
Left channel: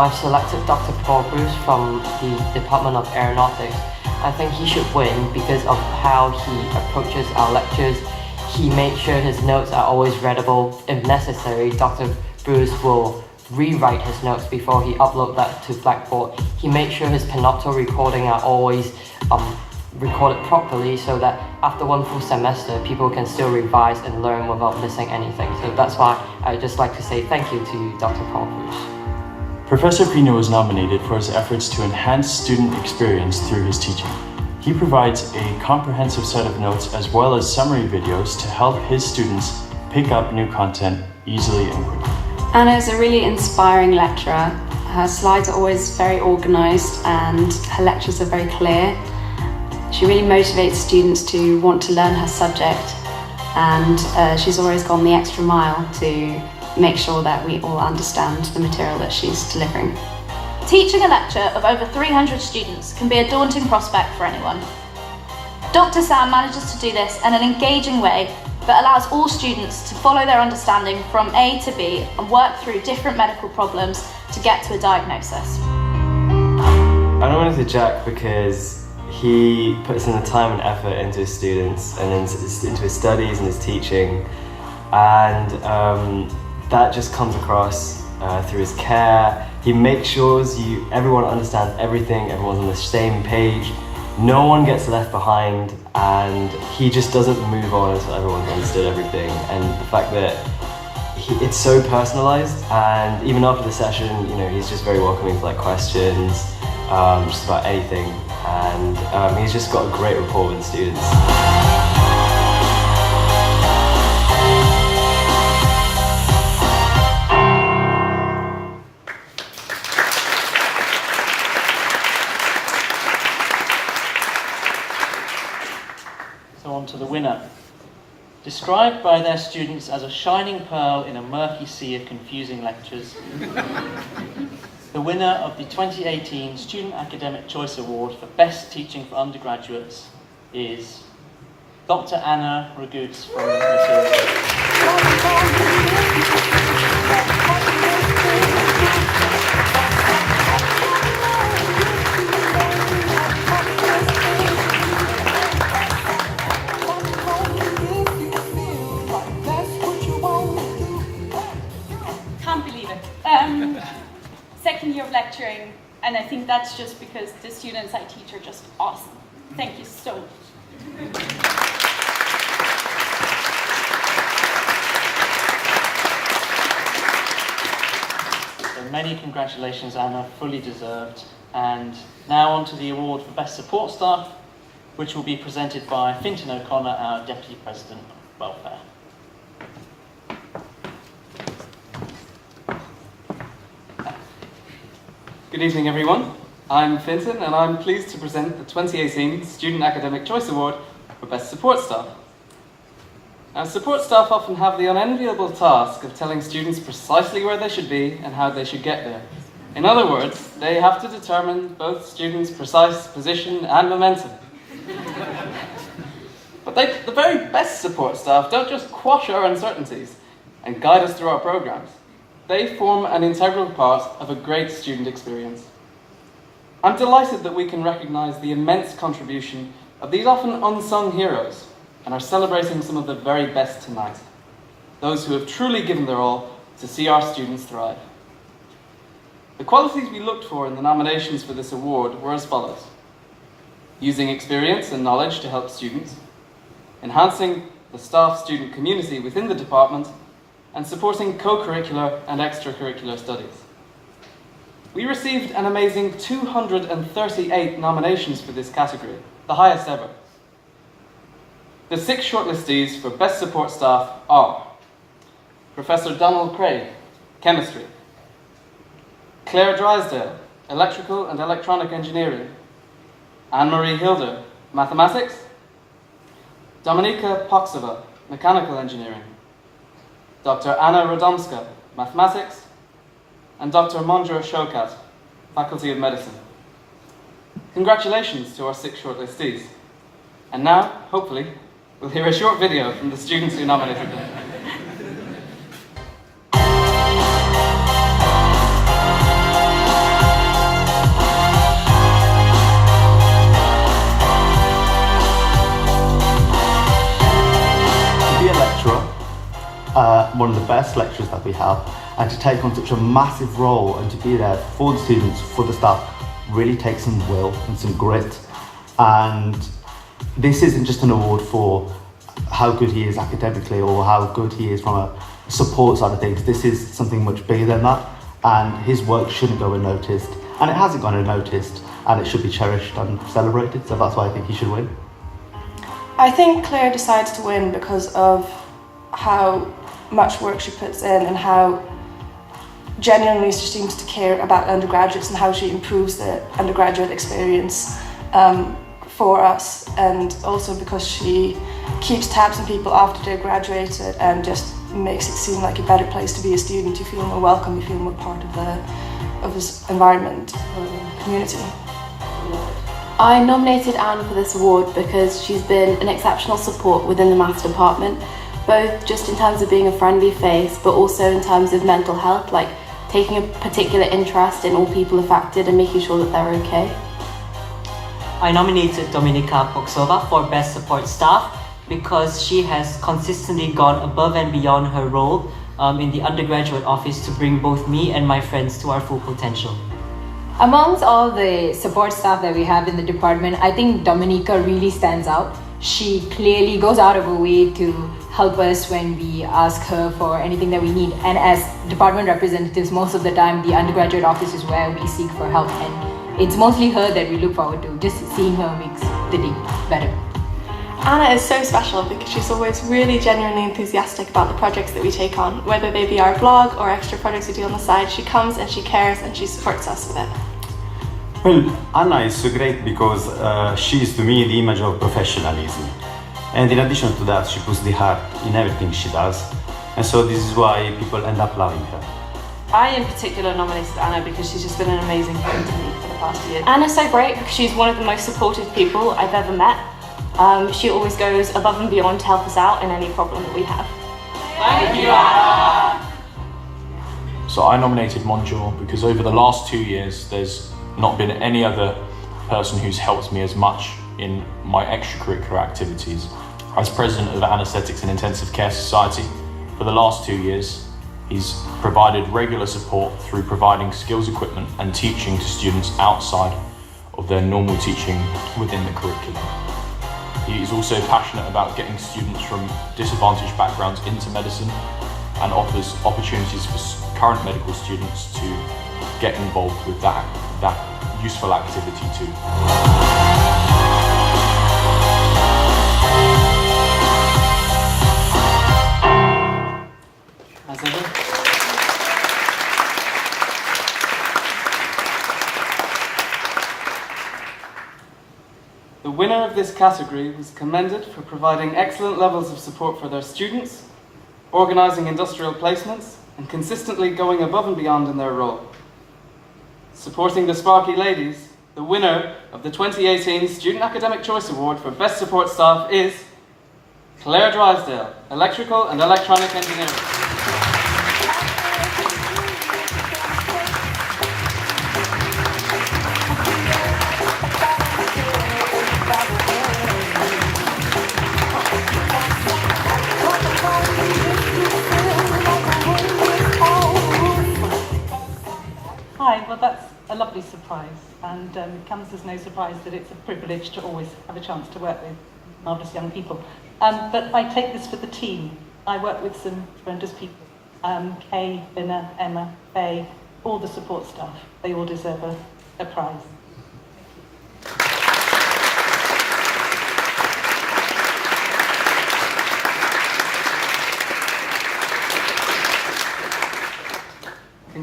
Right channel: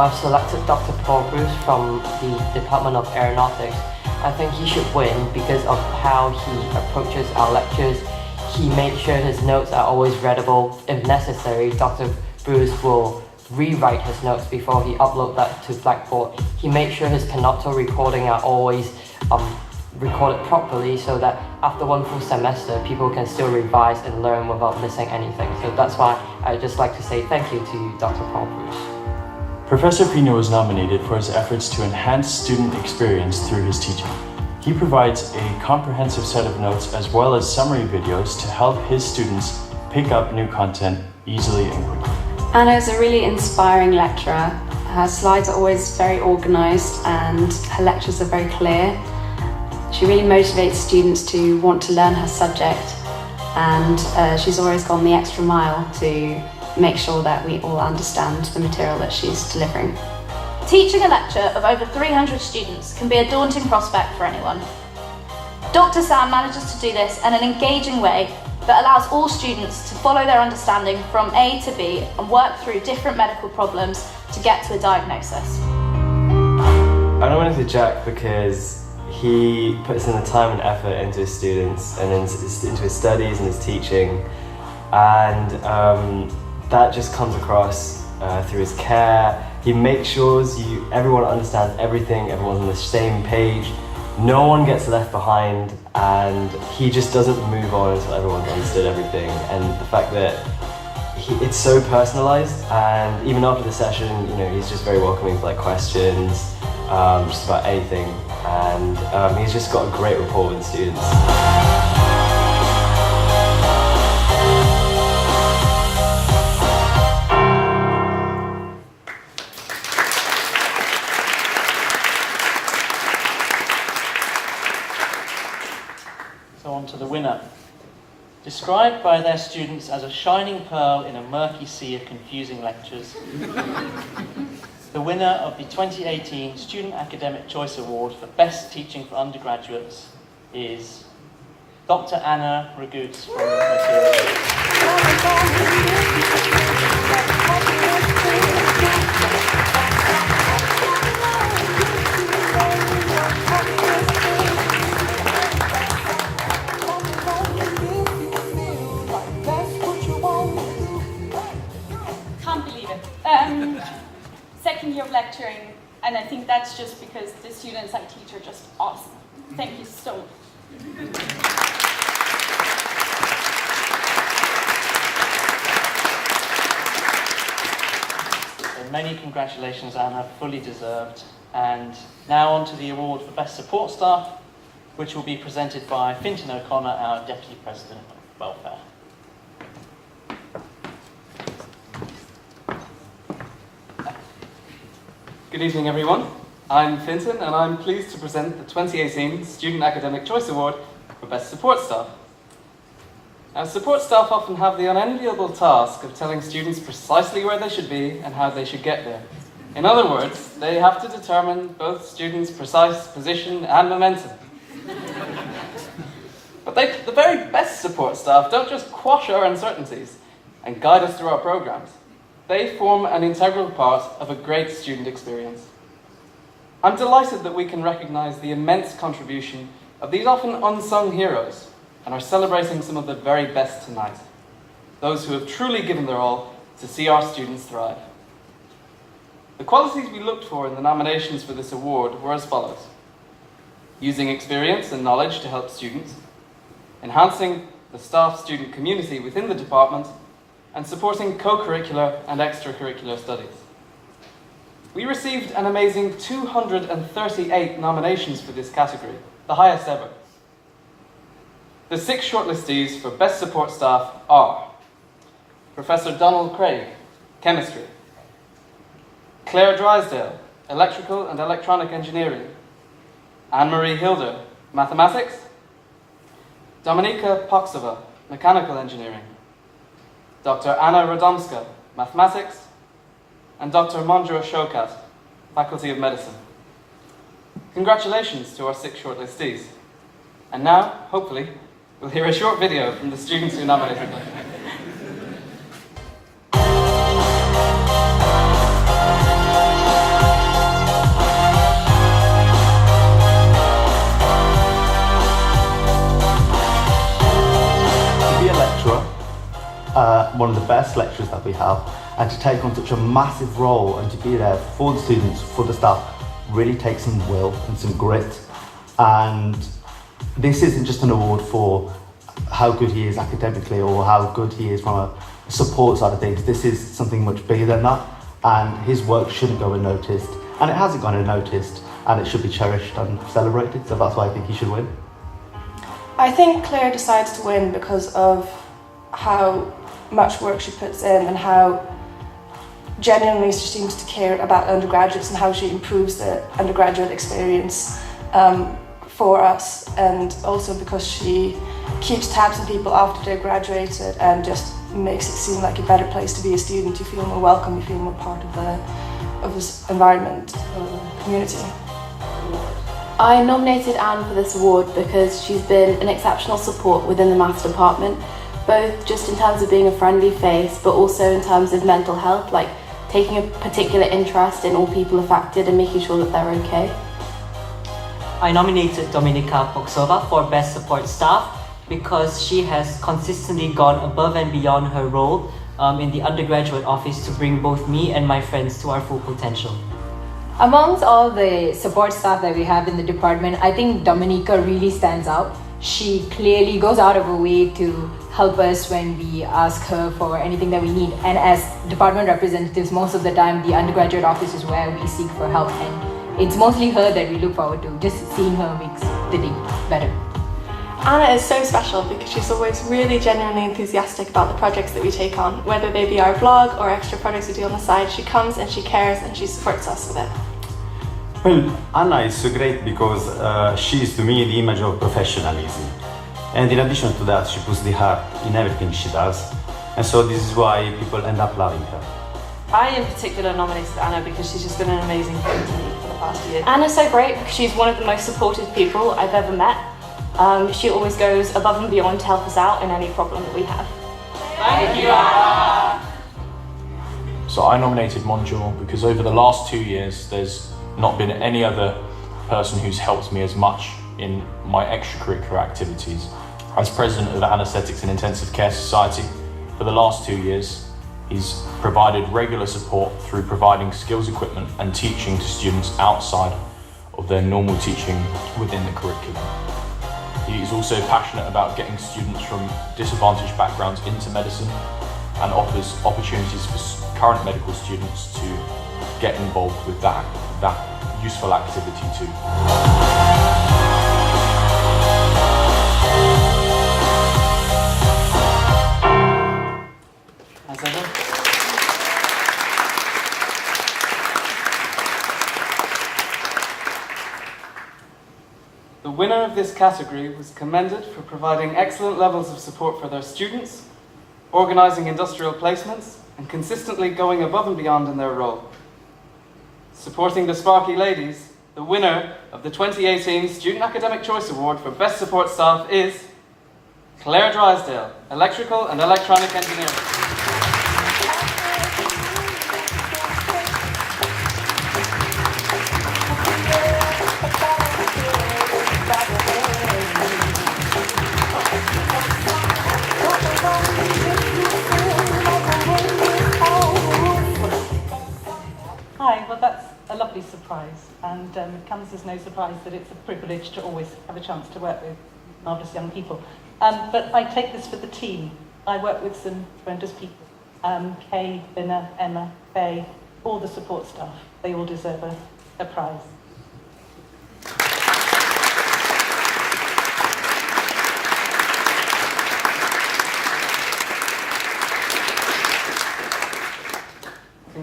I've selected Dr. Paul Bruce from the Department of Aeronautics. I think he should win because of how he approaches our lectures. He makes sure his notes are always readable. If necessary, Dr. Bruce will rewrite his notes before he uploads that to Blackboard. He makes sure his Panopto recording are always recorded properly so that after one full semester, people can still revise and learn without missing anything. So that's why I'd just like to say thank you to Dr. Paul Bruce. Professor Pino was nominated for his efforts to enhance student experience through his teaching. He provides a comprehensive set of notes as well as summary videos to help his students pick up new content easily and quickly. Anna is a really inspiring lecturer. Her slides are always very organised and her lectures are very clear. She really motivates students to want to learn her subject, and she's always gone the extra mile to make sure that we all understand the material that she's delivering. Teaching a lecture of over 300 students can be a daunting prospect for anyone. Dr. Sam manages to do this in an engaging way that allows all students to follow their understanding from A to B and work through different medical problems to get to a diagnosis. I nominated Jack because he puts in the time and effort into his students and into his studies and his teaching, and that just comes across through his care. He makes sure everyone understands everything, everyone's on the same page, no one gets left behind, and he just doesn't move on until everyone's understood everything. And the fact that it's so personalised, and even after the session, he's just very welcoming for questions, just about anything, and he's just got a great rapport with the students. To the winner. Described by their students as a shining pearl in a murky sea of confusing lectures, the winner of the 2018 Student Academic Choice Award for Best Teaching for Undergraduates is Dr. Anna Ragoots from Materials. Second year of lecturing, and I think that's just because the students I teach are just awesome. Thank you so much. So many congratulations, Anna, fully deserved. And now on to the award for Best Support Staff, which will be presented by Fintan O'Connor, our Deputy President of Welfare. Good evening, everyone. I'm Fintan, and I'm pleased to present the 2018 Student Academic Choice Award for Best Support Staff. Now, support staff often have the unenviable task of telling students precisely where they should be and how they should get there. In other words, they have to determine both students' precise position and momentum. But the very best support staff don't just quash our uncertainties and guide us through our programs. They form an integral part of a great student experience. I'm delighted that we can recognise the immense contribution of these often unsung heroes and are celebrating some of the very best tonight, those who have truly given their all to see our students thrive. The qualities we looked for in the nominations for this award were as follows: using experience and knowledge to help students, enhancing the staff-student community within the department, and supporting co-curricular and extracurricular studies. We received an amazing 238 nominations for this category, the highest ever. The 6 shortlistees for Best Support Staff are Professor Donald Craig, Chemistry. Claire Drysdale, Electrical and Electronic Engineering. Anne-Marie Hilder, Mathematics. Dominika Poksova, Mechanical Engineering. Dr. Anna Radomska, Mathematics. And Dr. Monjo Shokat, Faculty of Medicine. Congratulations to our 6 shortlistees. And now, hopefully, we'll hear a short video from the students who nominated them. To be a lecturer, one of the best lecturers that we have, and to take on such a massive role and to be there for the students, for the staff, really takes some will and some grit. And this isn't just an award for how good he is academically or how good he is from a support side of things. This is something much bigger than that, and his work shouldn't go unnoticed, and it hasn't gone unnoticed, and it should be cherished and celebrated, so that's why I think he should win. I think Claire decides to win because of how much work she puts in and how genuinely she seems to care about undergraduates and how she improves the undergraduate experience for us, and also because she keeps tabs on people after they're graduated and just makes it seem like a better place to be a student. You feel more welcome, you feel more part of this environment or community. I nominated Anne for this award because she's been an exceptional support within the maths department, both just in terms of being a friendly face, but also in terms of mental health, like taking a particular interest in all people affected and making sure that they're okay. I nominated Dominika Poksova for Best Support Staff because she has consistently gone above and beyond her role in the undergraduate office to bring both me and my friends to our full potential. Amongst all the support staff that we have in the department, I think Dominika really stands out. She clearly goes out of her way to help us when we ask her for anything that we need. And as department representatives, most of the time the undergraduate office is where we seek for help, and it's mostly her that we look forward to. Just seeing her makes the day better. Anna is so special because she's always really genuinely enthusiastic about the projects that we take on, whether they be our blog or extra projects we do on the side. She comes and she cares and she supports us with it. Well, Anna is so great because she is to me the image of professionalism. And in addition to that, she puts the heart in everything she does. And so this is why people end up loving her. I in particular nominated Anna because she's just been an amazing friend to me for the past year. Anna's so great because she's one of the most supportive people I've ever met. She always goes above and beyond to help us out in any problem that we have. Thank you, Anna! So I nominated Monjo because over the last 2 years, there's not been any other person who's helped me as much in my extracurricular activities. As president of Anaesthetics and Intensive Care Society, for the last 2 years, he's provided regular support through providing skills equipment and teaching to students outside of their normal teaching within the curriculum. He is also passionate about getting students from disadvantaged backgrounds into medicine and offers opportunities for current medical students to get involved with that useful activity too. As ever. The winner of this category was commended for providing excellent levels of support for their students, organising industrial placements, and consistently going above and beyond in their role. Supporting the Sparky ladies, the winner of the 2018 Student Academic Choice Award for Best Support Staff is Claire Drysdale, Electrical and Electronic Engineering. Hi, well that's a lovely surprise, and it comes as no surprise that it's a privilege to always have a chance to work with marvellous young people. But I take this for the team. I work with some tremendous people. Kay, Binna, Emma, Faye, all the support staff. They all deserve a prize.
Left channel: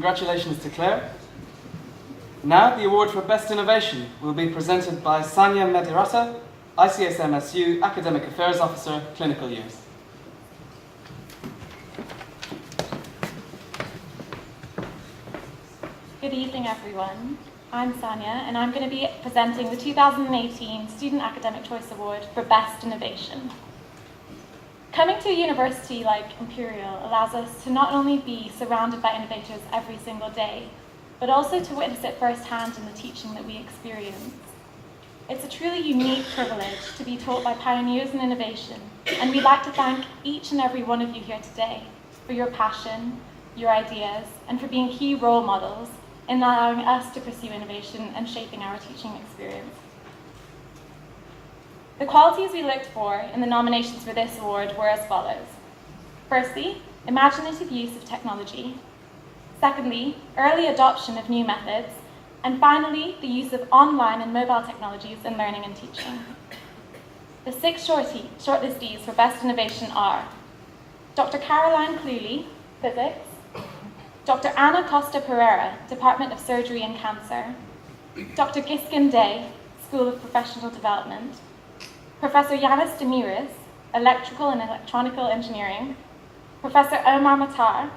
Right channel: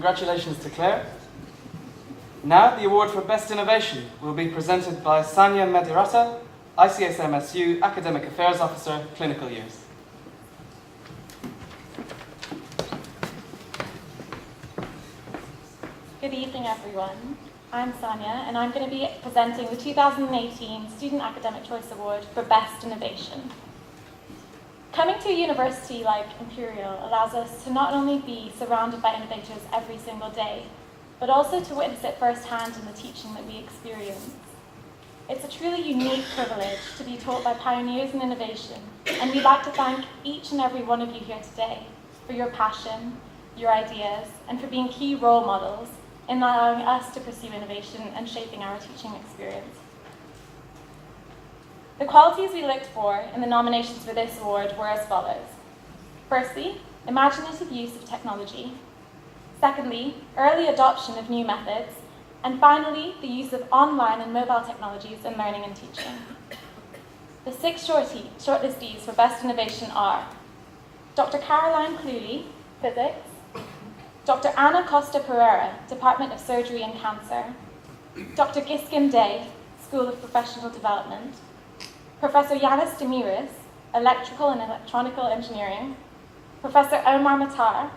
Congratulations to Claire. Now the award for Best Innovation will be presented by Sanya Medirata, ICSMSU Academic Affairs Officer, Clinical Years. Good evening, everyone. I'm Sanya, and I'm going to be presenting the 2018 Student Academic Choice Award for Best Innovation. Coming to a university like Imperial allows us to not only be surrounded by innovators every single day, but also to witness it firsthand in the teaching that we experience. It's a truly unique privilege to be taught by pioneers in innovation, and we'd like to thank each and every one of you here today for your passion, your ideas, and for being key role models in allowing us to pursue innovation and shaping our teaching experience. The qualities we looked for in the nominations for this award were as follows. Firstly, imaginative use of technology. Secondly, early adoption of new methods. And finally, the use of online and mobile technologies in learning and teaching. The 6 shortlistees for Best Innovation are Dr. Caroline Cluley, Physics, Dr. Anna Costa Pereira, Department of Surgery and Cancer, Dr. Giskin Day, School of Professional Development, Professor Yanis Demiris, Electrical and Electronical Engineering, Professor Omar Matar,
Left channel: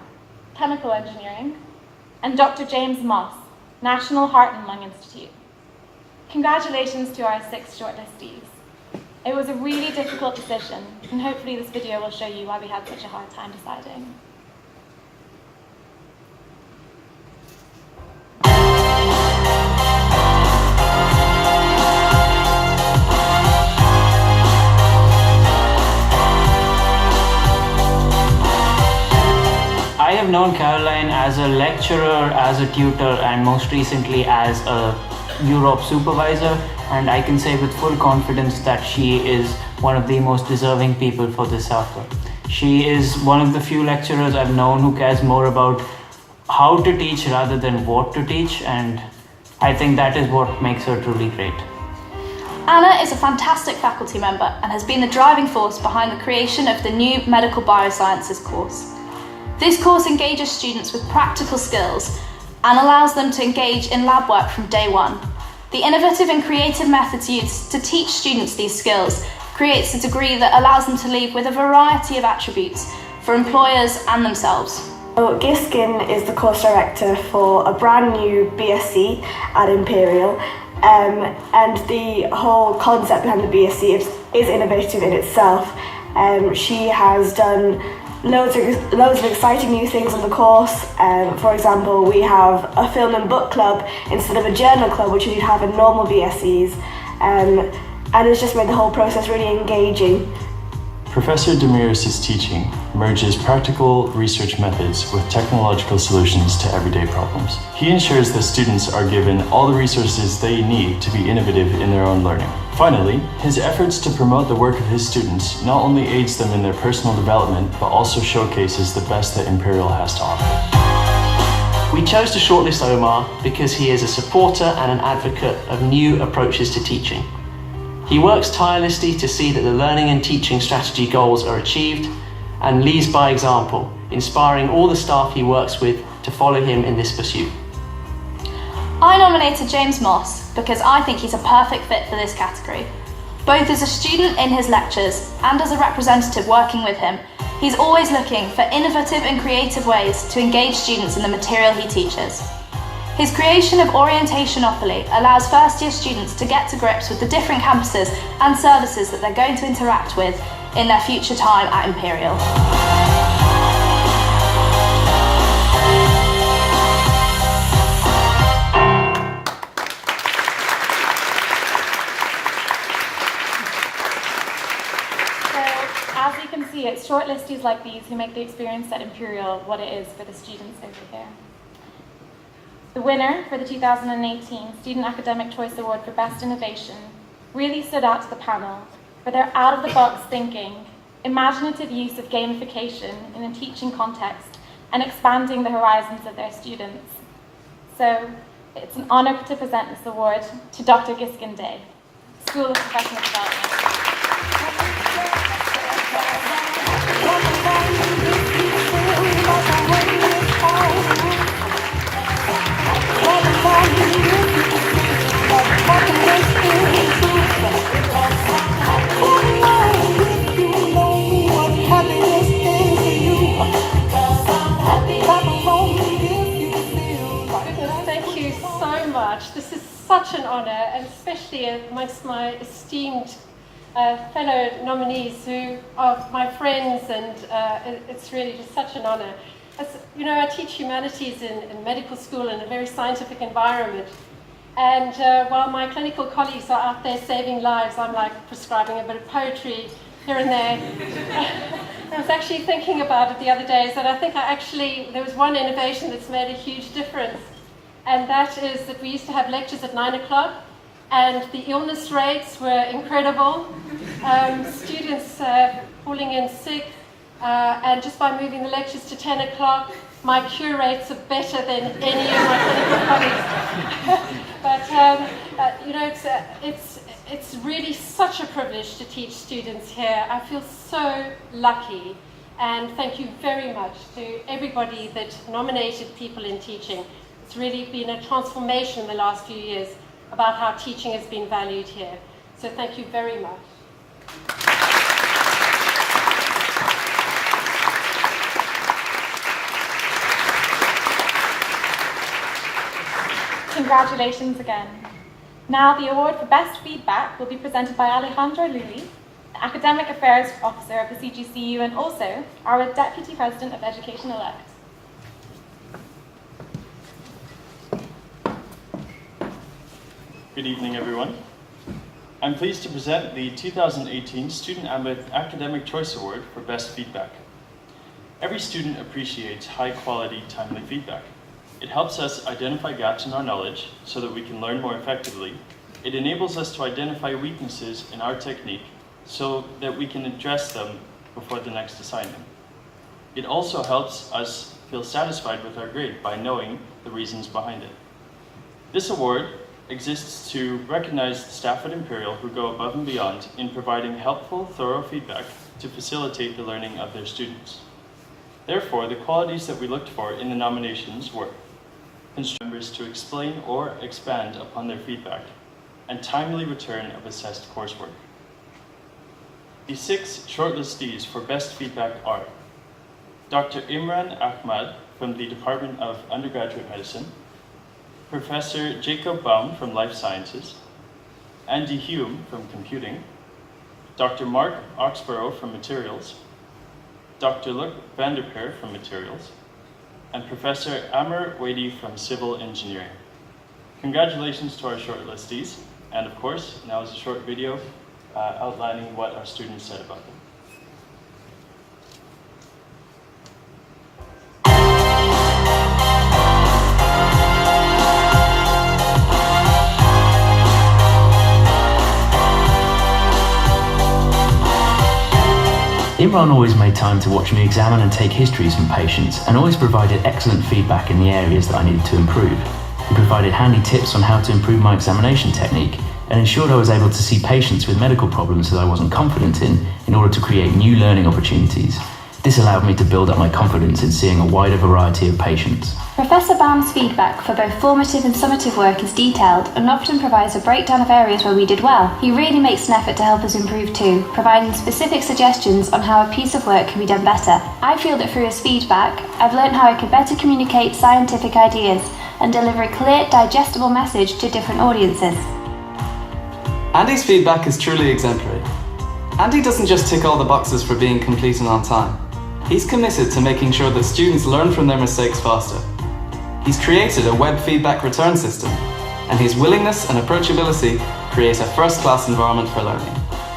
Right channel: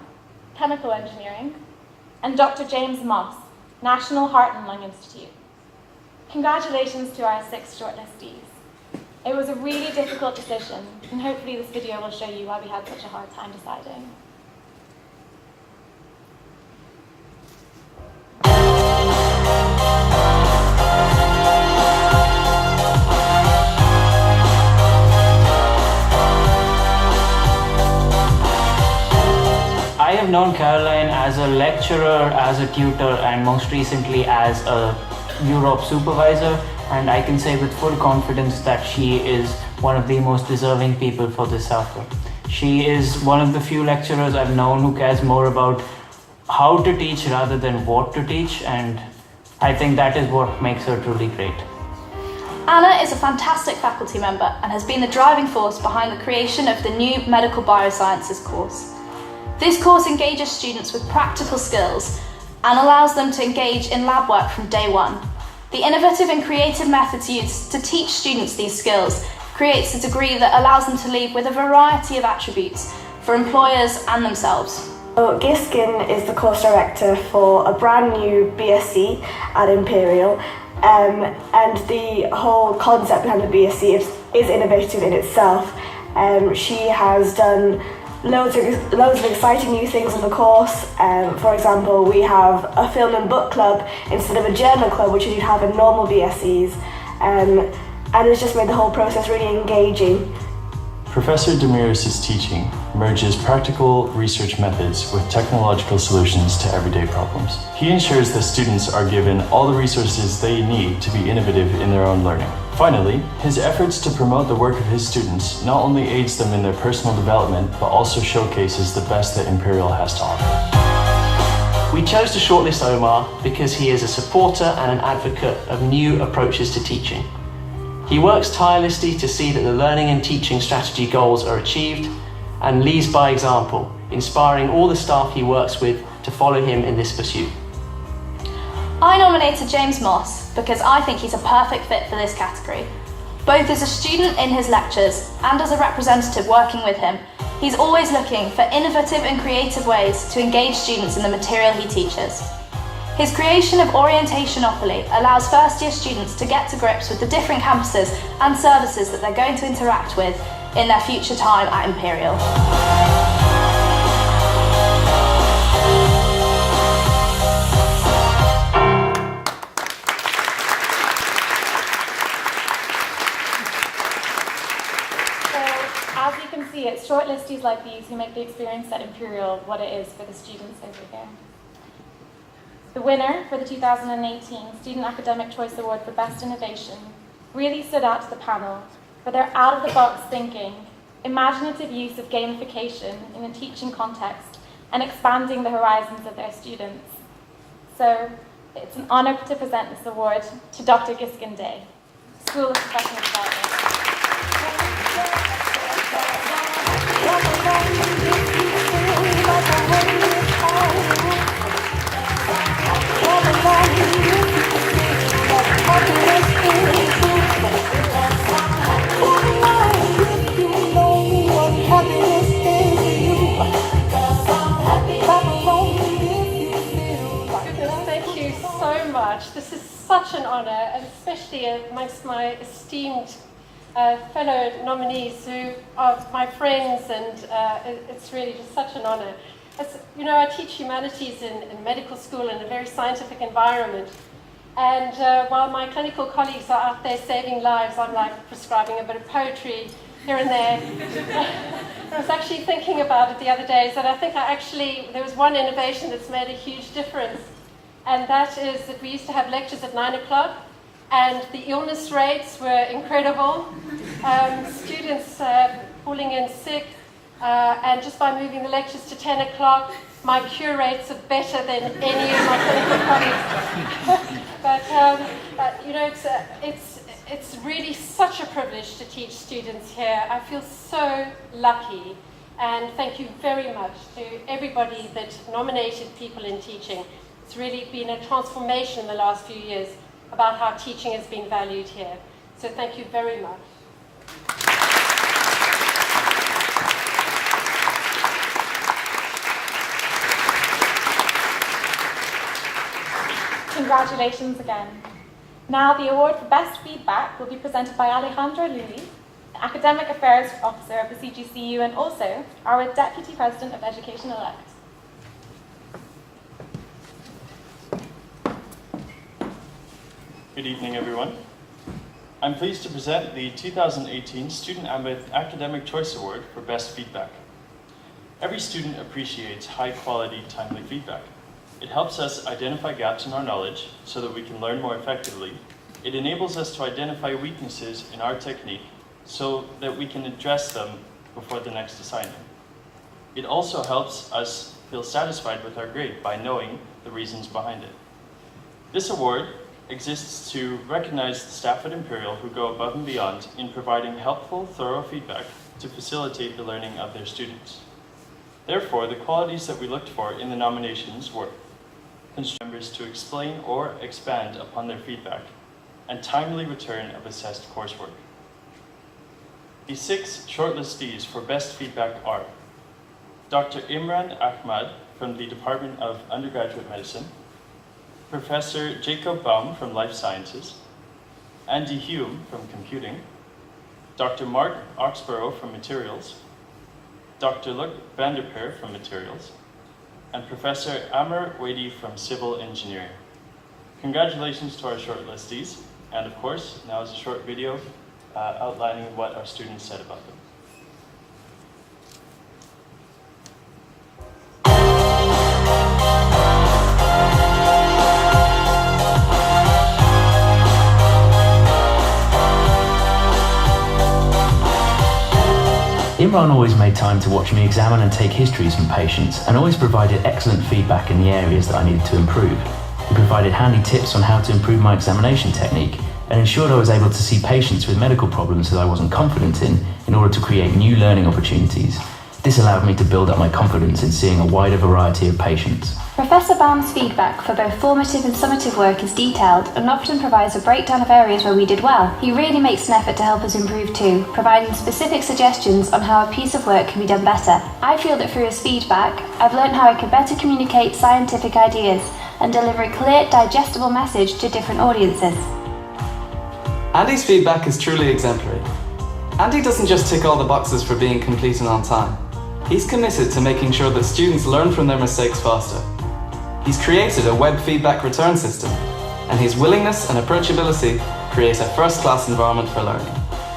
Chemical Engineering, and Dr. James Moss, National Heart and Lung Institute. Congratulations to our 6 shortlistees. It was a really difficult decision, and hopefully this video will show you why we had such a hard time deciding. I have known Caroline as a lecturer, as a tutor, and most recently as a Europe supervisor, and I can say with full confidence that she is one of the most deserving people for this offer. She is one of the few lecturers I've known who cares more about how to teach rather than what to teach, and I think that is what makes her truly great. Anna is a fantastic faculty member and has been the driving force behind the creation of the new Medical Biosciences course. This course engages students with practical skills and allows them to engage in lab work from day one. The innovative and creative methods used to teach students these skills creates a degree that allows them to leave with a variety of attributes for employers and themselves. Giskin is the course director for a brand new BSc at Imperial, and the whole concept behind the BSc is innovative in itself. She has done loads of exciting new things in the course. For example, we have a film and book club instead of a journal club, which you'd have in normal BScs, and it's just made the whole process really engaging. Professor Demiris' teaching merges practical research methods with technological solutions to everyday problems. He ensures that students are given all the resources they need to be innovative in their own learning. Finally, his efforts to promote the work of his students not only aids them in their personal development, but also showcases the best that Imperial has to offer. We chose to shortlist Omar because he is a supporter and an advocate of new approaches to teaching. He works tirelessly to see that the learning and teaching strategy goals are achieved and leads by example, inspiring all the staff he works with to follow him in this pursuit. I nominated James Moss because I think he's a perfect fit for this category. Both as a student in his lectures and as a representative working with him, he's always looking for innovative and creative ways to engage students in the material he teaches. His creation of Orientationopoly allows first-year students to get to grips with the different campuses and services that they're going to interact with in their future time at Imperial. As you can see, it's shortlistees like these who make the experience at Imperial what it is for the students over there. The winner for the 2018 Student Academic Choice Award for Best Innovation really stood out to the panel for their out-of-the-box thinking, imaginative use of gamification in a teaching context, and expanding the horizons of their students. So it's an honor to present this award to Dr. Giskin Day, School of Professional Development. much. This is such an honour, and especially amongst my esteemed fellow nominees who are my friends, and it's really just such an honour. As you know, I teach humanities in medical school in a very scientific environment, and while my clinical colleagues are out there saving lives, I'm like prescribing a bit of poetry here and there. I was actually thinking about it the other day, that I think there was one innovation that's made a huge difference, and that is that we used to have lectures at 9 o'clock, and the illness rates were incredible. Students calling in sick, and just by moving the lectures to 10 o'clock, my cure rates are better than any of my clinical colleagues. But you know, it's really such a privilege to teach students here. I feel so lucky, and thank you very much to everybody that nominated people in teaching. It's really been a transformation in the last few years about how teaching is being valued here. So thank you very much. Congratulations again. Now the award for Best Feedback will be presented by Alejandro Luli, the Academic Affairs Officer of the CGCU and also our Deputy President of Education-elect. Good evening, everyone. I'm pleased to present the 2018 Student Academic Choice Award for Best Feedback. Every student appreciates high-quality, timely feedback. It helps us identify gaps in our knowledge so that we can learn more effectively. It enables us to identify weaknesses in our technique so that we can address them before the next assignment. It also helps us feel satisfied with our grade by knowing the reasons behind it. This award exists to recognize the staff at Imperial who go above and beyond in providing helpful, thorough feedback to facilitate the learning of their students. Therefore, the qualities that we looked for in the nominations were members to explain or expand upon their feedback, and timely return of assessed coursework. The 6 shortlistees for Best Feedback are Dr. Imran Ahmad from the Department of Undergraduate Medicine, Professor Jacob Baum from Life Sciences, Andy Hume from Computing, Dr. Mark Oxborough from Materials, Dr. Luc Vanderpeer from Materials, and Professor Amr Wadi from Civil Engineering. Congratulations to our shortlistees, and of course, now is a short video outlining what our students said about them. Imran always made time to watch me examine and take histories from patients, and always provided excellent feedback in the areas that I needed to improve. He provided handy tips on how to improve my examination technique, and ensured I was able to see patients with medical problems that I wasn't confident in order to create new learning opportunities. This allowed me to build up my confidence in seeing a wider variety of patients. Professor Baum's feedback for both formative and summative work is detailed and often provides a breakdown of areas where we did well. He really makes an effort to help us improve too, providing specific suggestions on how a piece of work can be done better. I feel that through his feedback, I've learned how I could better communicate scientific ideas and deliver a clear, digestible message to different audiences. Andy's feedback is truly exemplary. Andy doesn't just tick all the boxes for being complete and on time. He's committed to making sure that students learn from their mistakes faster. He's created a web feedback return system, and his willingness and approachability create a first-class environment for learning.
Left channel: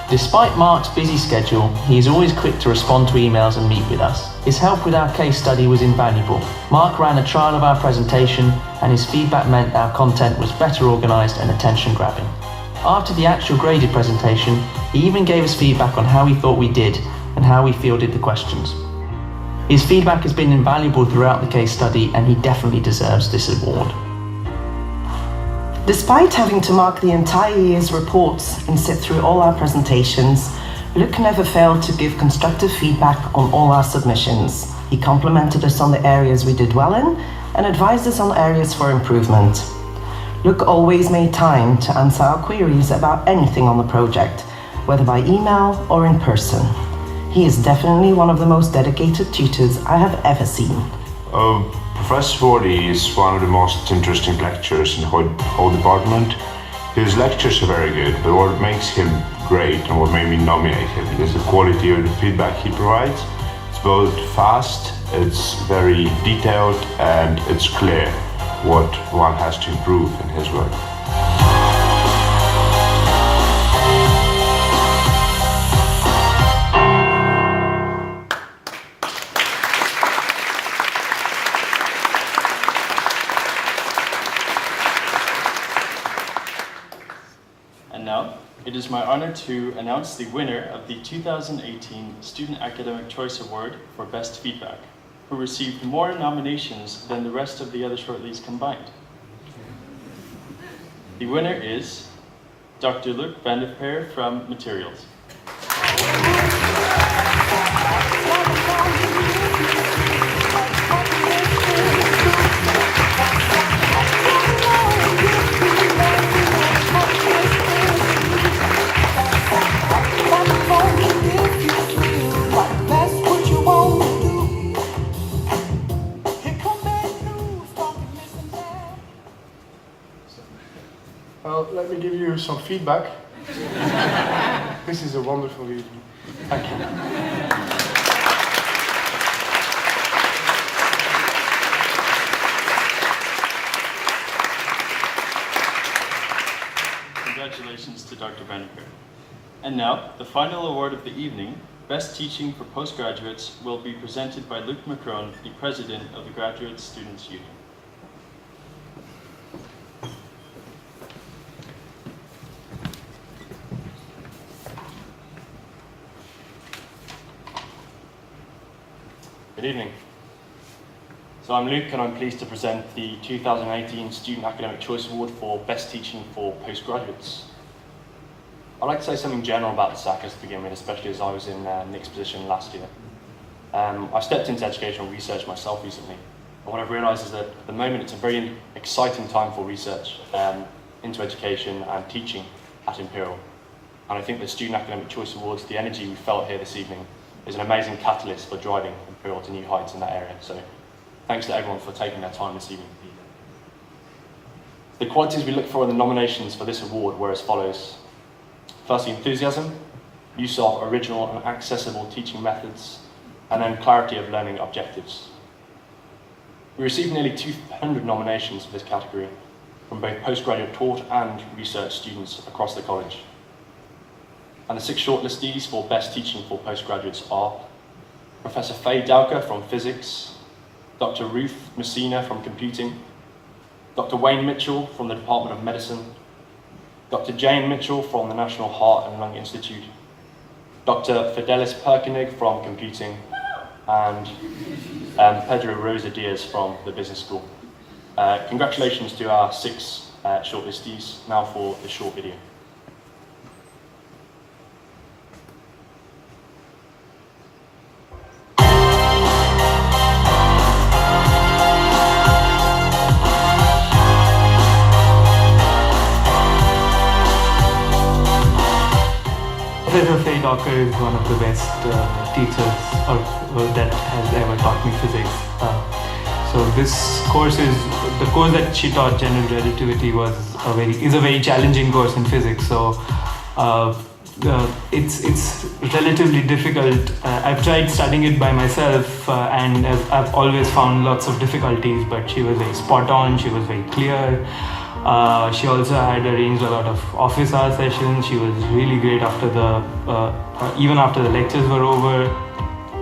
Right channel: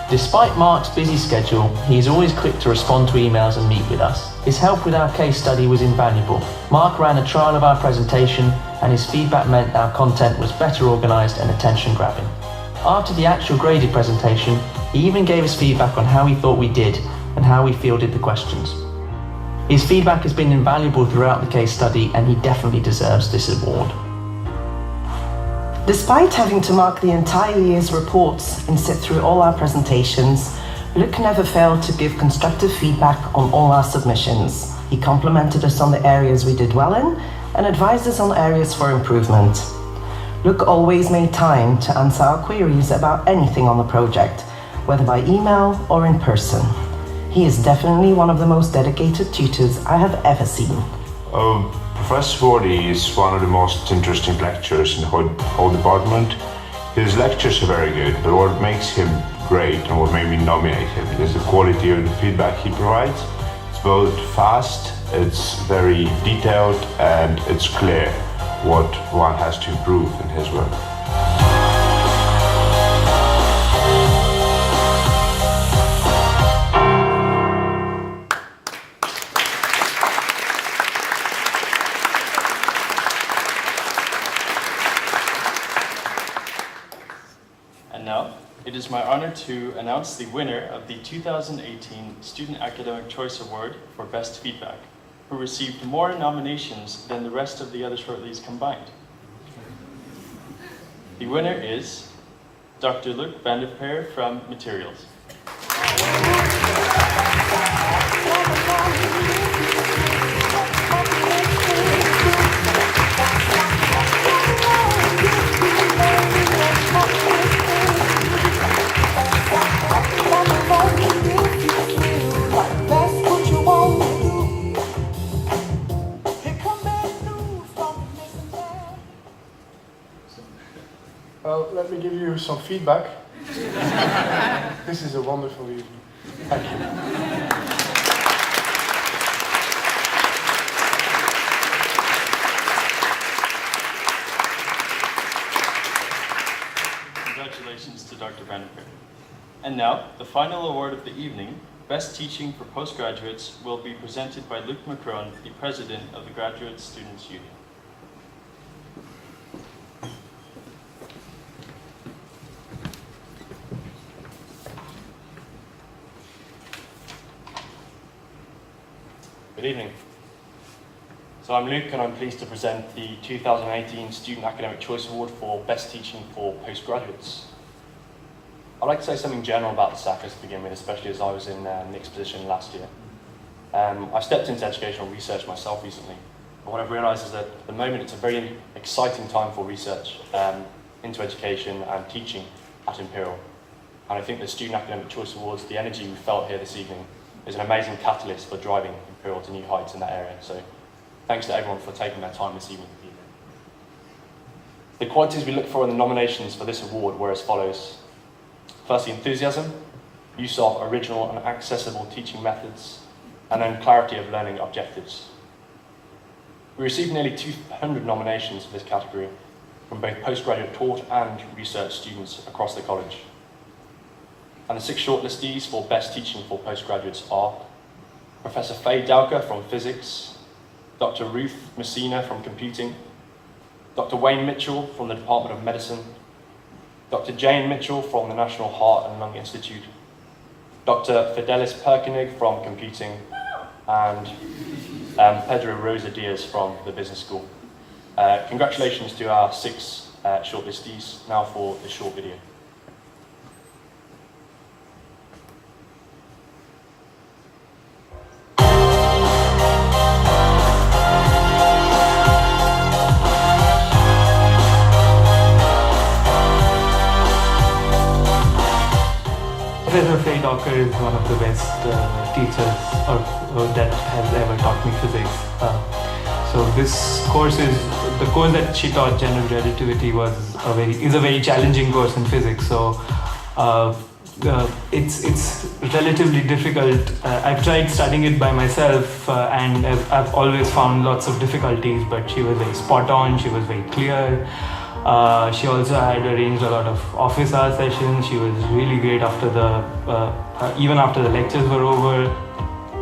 Despite Mark's busy schedule, he is always quick to respond to emails and meet with us. His help with our case study was invaluable. Mark ran a trial of our presentation, and his feedback meant our content was better organised and attention-grabbing. After the actual graded presentation, he even gave us feedback on how he thought we did and how we fielded the questions. His feedback has been invaluable throughout the case study, and he definitely deserves this award. Despite having to mark the entire year's reports and sit through all our presentations, Luc never failed to give constructive feedback on all our submissions. He complimented us on the areas we did well in and advised us on areas for improvement. Luc always made time to answer our queries about anything on the project, whether by email or in person. He is definitely one of the most dedicated tutors I have ever seen. Professor Wardy is one of the most interesting lecturers in the whole department. His lectures are very good, but what makes him great and what made me nominate him is the quality of the feedback he provides. It's both fast, it's very detailed, and it's clear what one has to improve in his work. And now, it is my honor to announce the winner of the 2018 Student Academic Choice Award for Best Feedback, who received more nominations than the rest of the other shortlists combined. The winner is Dr. Luc van der Peer from Materials. Well, let me give you some feedback. This is a wonderful evening. Thank you. Congratulations to Dr. van der Peer. And now, the final award of the evening, Best Teaching for Postgraduates, will be presented by Luc Macron, the President of the Graduate Students' Union. Good evening. So I'm Luke and I'm pleased to present the 2018 Student Academic Choice Award for Best Teaching for Postgraduates. I'd like to say something general about the SACAs to begin with, especially as I was in Nick's position last year. I stepped into educational research myself recently, and what I've realised is that at the moment it's a very exciting time for research into education and teaching at Imperial. And I think the Student Academic Choice Awards, the energy we felt here this evening, is an amazing catalyst for driving Imperial to new heights in that area. So thanks to everyone for taking their time this evening to be here. The qualities we look for in the nominations for this award were as follows. Firstly, enthusiasm, use of original and accessible teaching methods, and then clarity of learning objectives. We received nearly 200 nominations for this category from both postgraduate taught and research students across the college. And the 6 shortlistees for Best Teaching for Postgraduates are Professor Faye Dowker from Physics, Dr. Ruth Messina from Computing, Dr. Wayne Mitchell from the Department of Medicine, Dr. Jane Mitchell from the National Heart and Lung Institute, Dr. Fidelis Perkenig from Computing, and Pedro Rosa Diaz from the Business School. Congratulations to our 6 shortlistees. Now for the short video. Professor Faye Dowker is one of the best teachers that has ever taught me physics. So this course is, the course that she taught, general relativity, is a very challenging course in physics. So it's relatively difficult. I've tried studying it by myself and I've always found lots of difficulties, but she was very spot on, she was very clear. She also had arranged a lot of office hour sessions. She was really great after even after the lectures were over.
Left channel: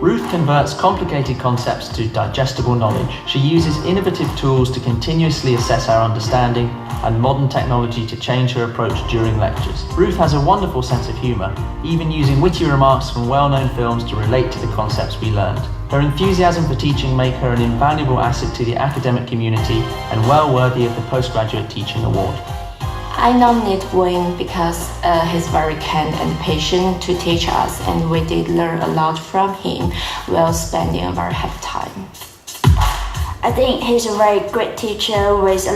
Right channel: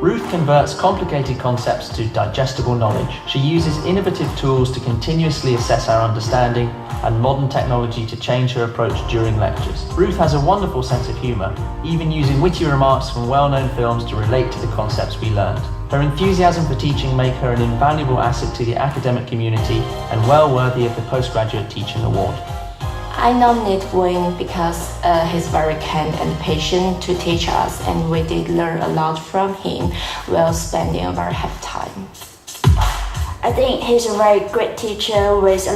Ruth converts complicated concepts to digestible knowledge. She uses innovative tools to continuously assess our understanding and modern technology to change her approach during lectures. Ruth has a wonderful sense of humour, even using witty remarks from well-known films to relate to the concepts we learned. Her enthusiasm for teaching make her an invaluable asset to the academic community and well worthy of the Postgraduate Teaching Award. I nominate Wayne because he's very kind and patient to teach us, and we did learn a lot from him while spending a very happy time. I think he's a very great teacher with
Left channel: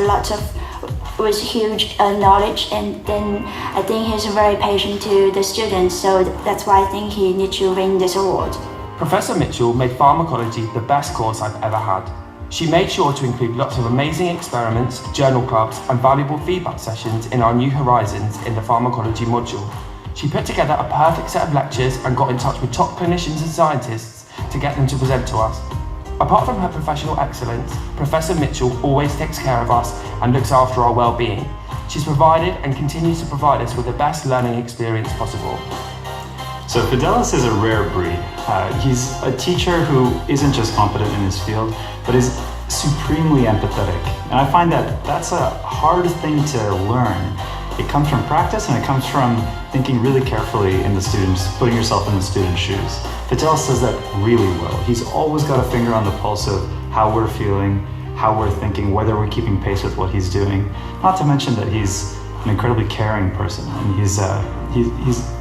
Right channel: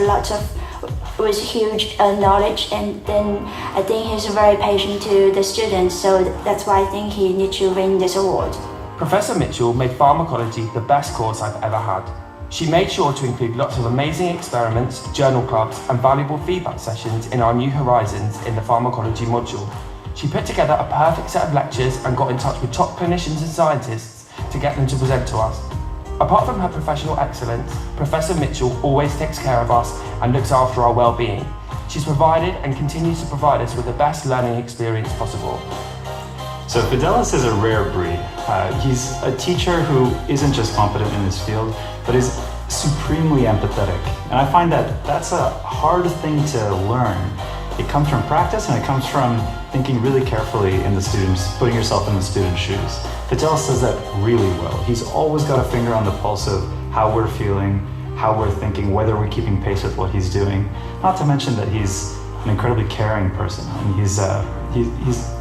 huge knowledge, and then I think he's very patient to the students, so that's why I think he needs to win this award. Professor Mitchell made pharmacology the best course I've ever had. She made sure to include lots of amazing experiments, journal clubs, and valuable feedback sessions in our New Horizons in the pharmacology module. She put together a perfect set of lectures and got in touch with top clinicians and scientists to get them to present to us. Apart from her professional excellence, Professor Mitchell always takes care of us and looks after our well-being. She's provided and continues to provide us with the best learning experience possible. So Fidelis is a rare breed. He's a teacher who isn't just competent in his field, but is supremely empathetic. And I find that that's a hard thing to learn. It comes from practice and it comes from thinking really carefully in the students, putting yourself in the student's shoes. Fidelis does that really well. He's always got a finger on the pulse of how we're feeling, how we're thinking, whether we're keeping pace with what he's doing. Not to mention that he's an incredibly caring person, and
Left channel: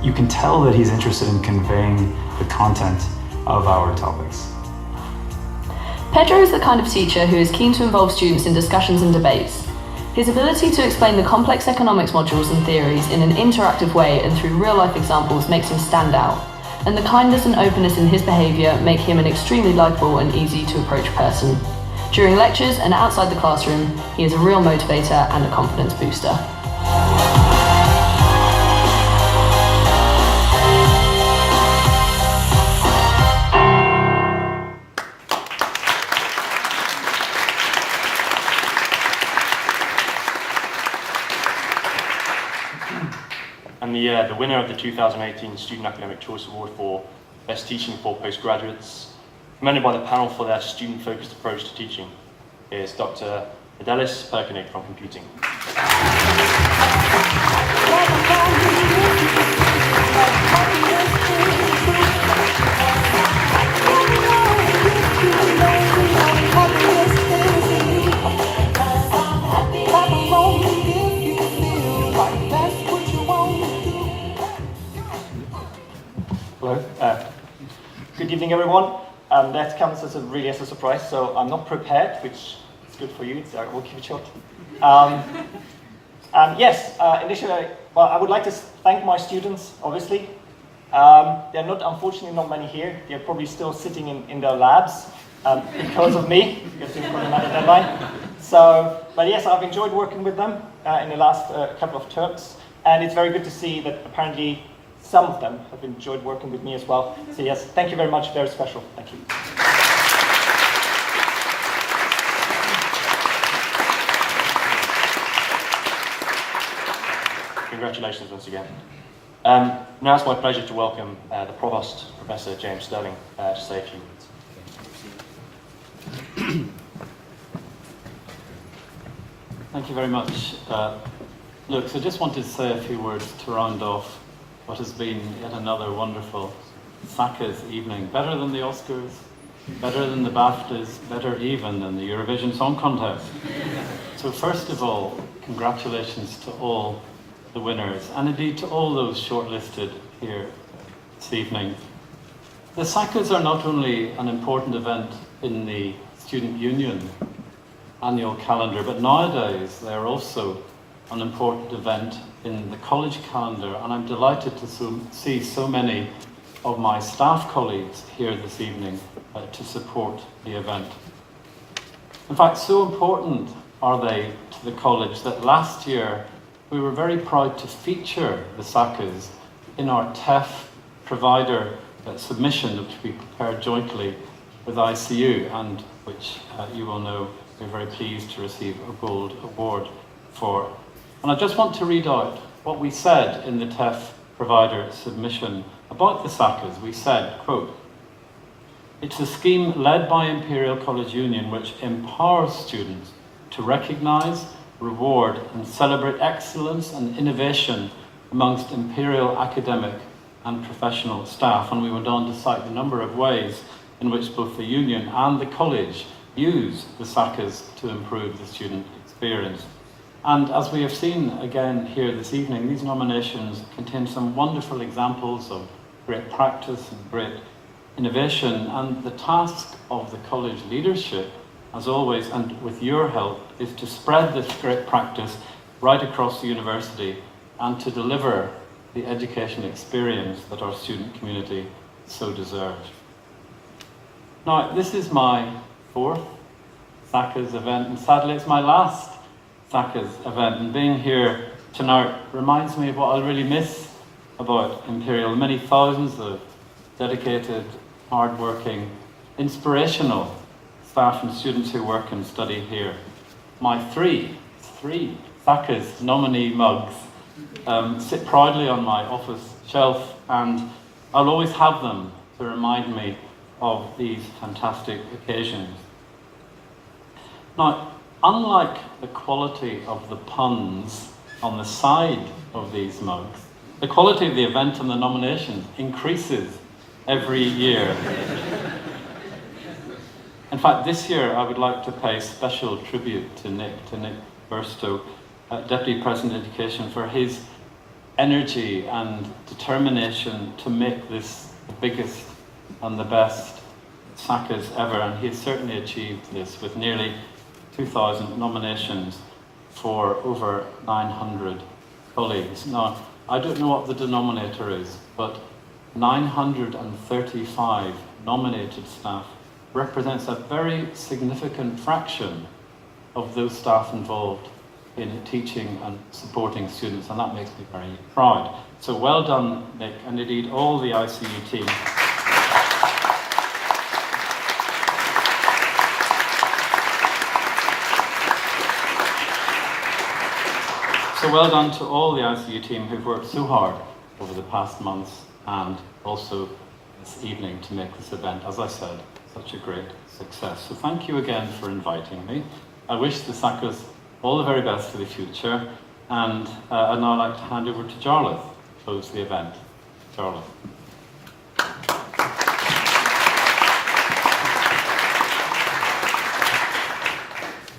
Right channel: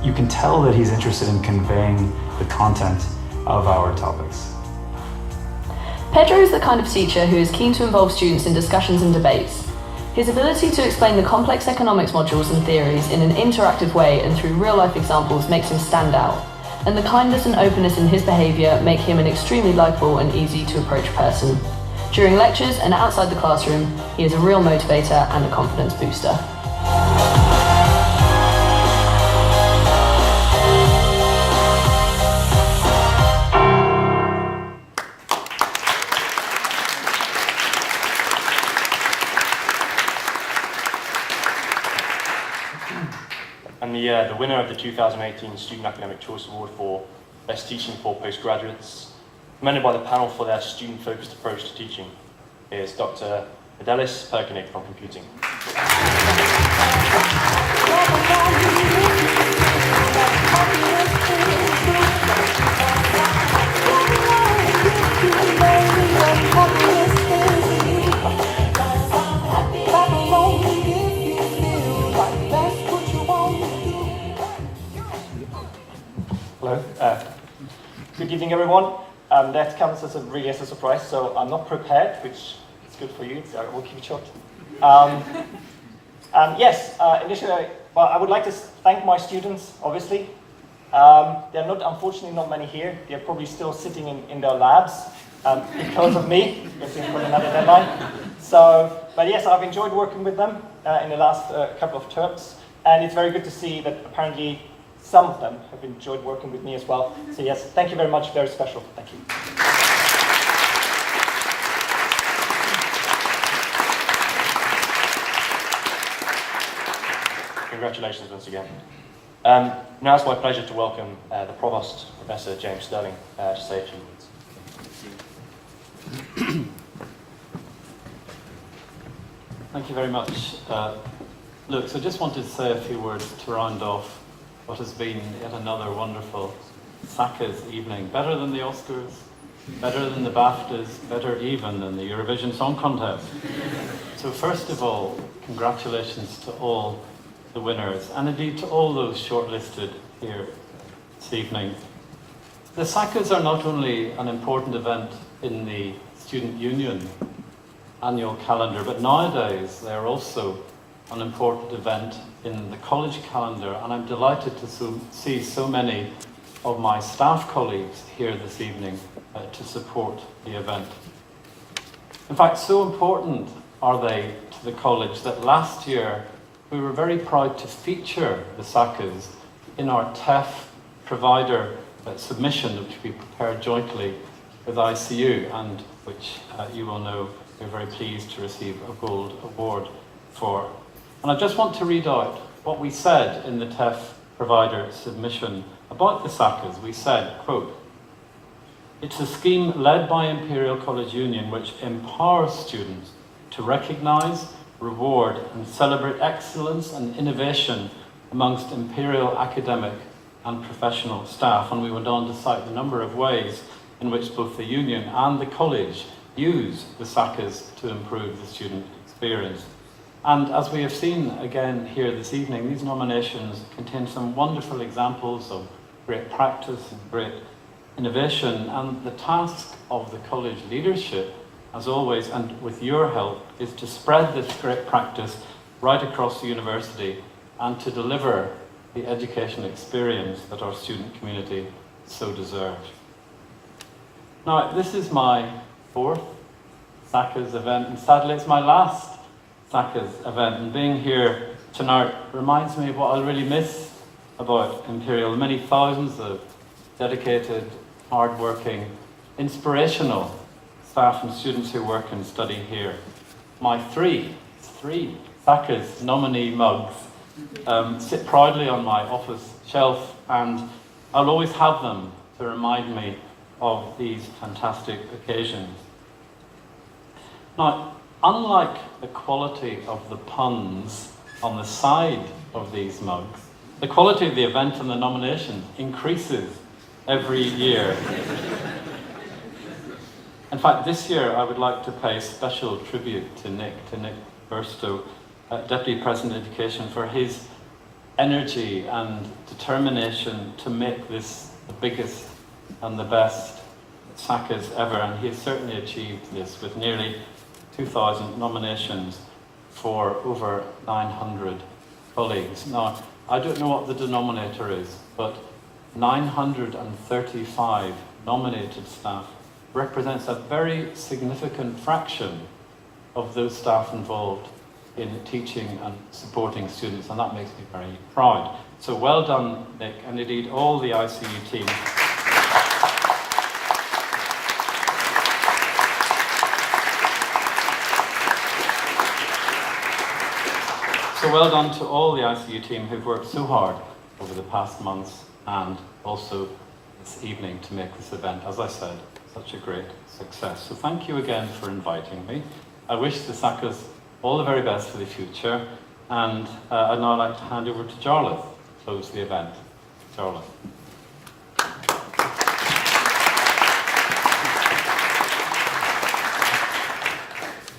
you can tell that he's interested in conveying the content of our topics. Pedro is the kind of teacher who is keen to involve students in discussions and debates. His ability to explain the complex economics modules and theories in an interactive way and through real-life examples makes him stand out, and the kindness and openness in his behaviour make him an extremely likeable and easy to approach person. During lectures and outside the classroom, he is a real motivator and a confidence booster. And the winner of the 2018 Student Academic Choice Award for Best Teaching for Postgraduates, commended by the panel for their student-focused approach to teaching, is Dr. Fidelis Perkinig from Computing. Hello. Good evening, everyone. That comes as a surprise, so I'm not prepared, which is good for you. So we'll keep it short. And yes, initially, well, I would like to thank my students, obviously. There are unfortunately not many here. They're probably still sitting in their labs because of me, because they've got another deadline. So, but yes, I've enjoyed working with them in the last couple of terms, and it's very good to see that apparently some of them have enjoyed working with me as well. So yes, thank you very much, very special. Thank you. Congratulations once again. Now it's my pleasure to welcome the Provost, Professor James Sterling, to say a few words. Thank you very much. Look, so just wanted to say a few words to round off what has been yet another wonderful SACAs evening. Better than the Oscars, better than the BAFTAs, better even than the Eurovision Song Contest. So first of all, congratulations to all the winners, and indeed to all those shortlisted here this evening. The SACAs are not only an important event in the Student Union annual calendar, but nowadays they are also an important event in the college calendar, and I'm delighted to see so many of my staff colleagues here this evening to support the event. In fact, so important are they to the college that last year we were very proud to feature the SACAs in our TEF provider submission, which we prepared jointly with ICU, and which you will know we're very pleased to receive a gold award for. And I just want to read out what we said in the TEF provider submission about the SACAs. We said, quote, "It's a scheme led by Imperial College Union which empowers students to recognise, reward and celebrate excellence and innovation amongst Imperial academic and professional staff." And we went on to cite the number of ways in which both the union and the college use the SACAs to improve the student experience. And as we have seen again here this evening, these nominations contain some wonderful examples of great practice and great innovation, and the task of the college leadership, as always, and with your help, is to spread this great practice right across the university and to deliver the educational experience that our student community so deserves. Now, this is my 4th SACAs event, and sadly it's my last SACAs event, and being here tonight reminds me of what I'll really miss about Imperial. Many thousands of dedicated, hard-working, inspirational staff and students who work and study here. My three SACAs nominee mugs sit proudly on my office shelf, and I'll always have them to remind me of these fantastic occasions. Now, unlike the quality of the puns on the side of these mugs, the quality of the event and the nomination increases every year. In fact, this year I would like to pay special tribute to Nick Burstow, Deputy President of Education, for his energy and determination to make this the biggest and the best SACAs ever, and he has certainly achieved this with nearly 2,000 nominations for over 900 colleagues. Now, I don't know what the denominator is, but 935 nominated staff represents a very significant fraction of those staff involved in teaching and supporting students, and that makes me very proud. So well done, Nick, and indeed all the ICU team. So well done to all the ICU team who've worked so hard over the past months and also this evening to make this event, as I said, such a great success. So thank you again for inviting me. I wish the SACAs all the very best for the future, and I'd now like to hand over to Jarlath to close the event. Jarlath.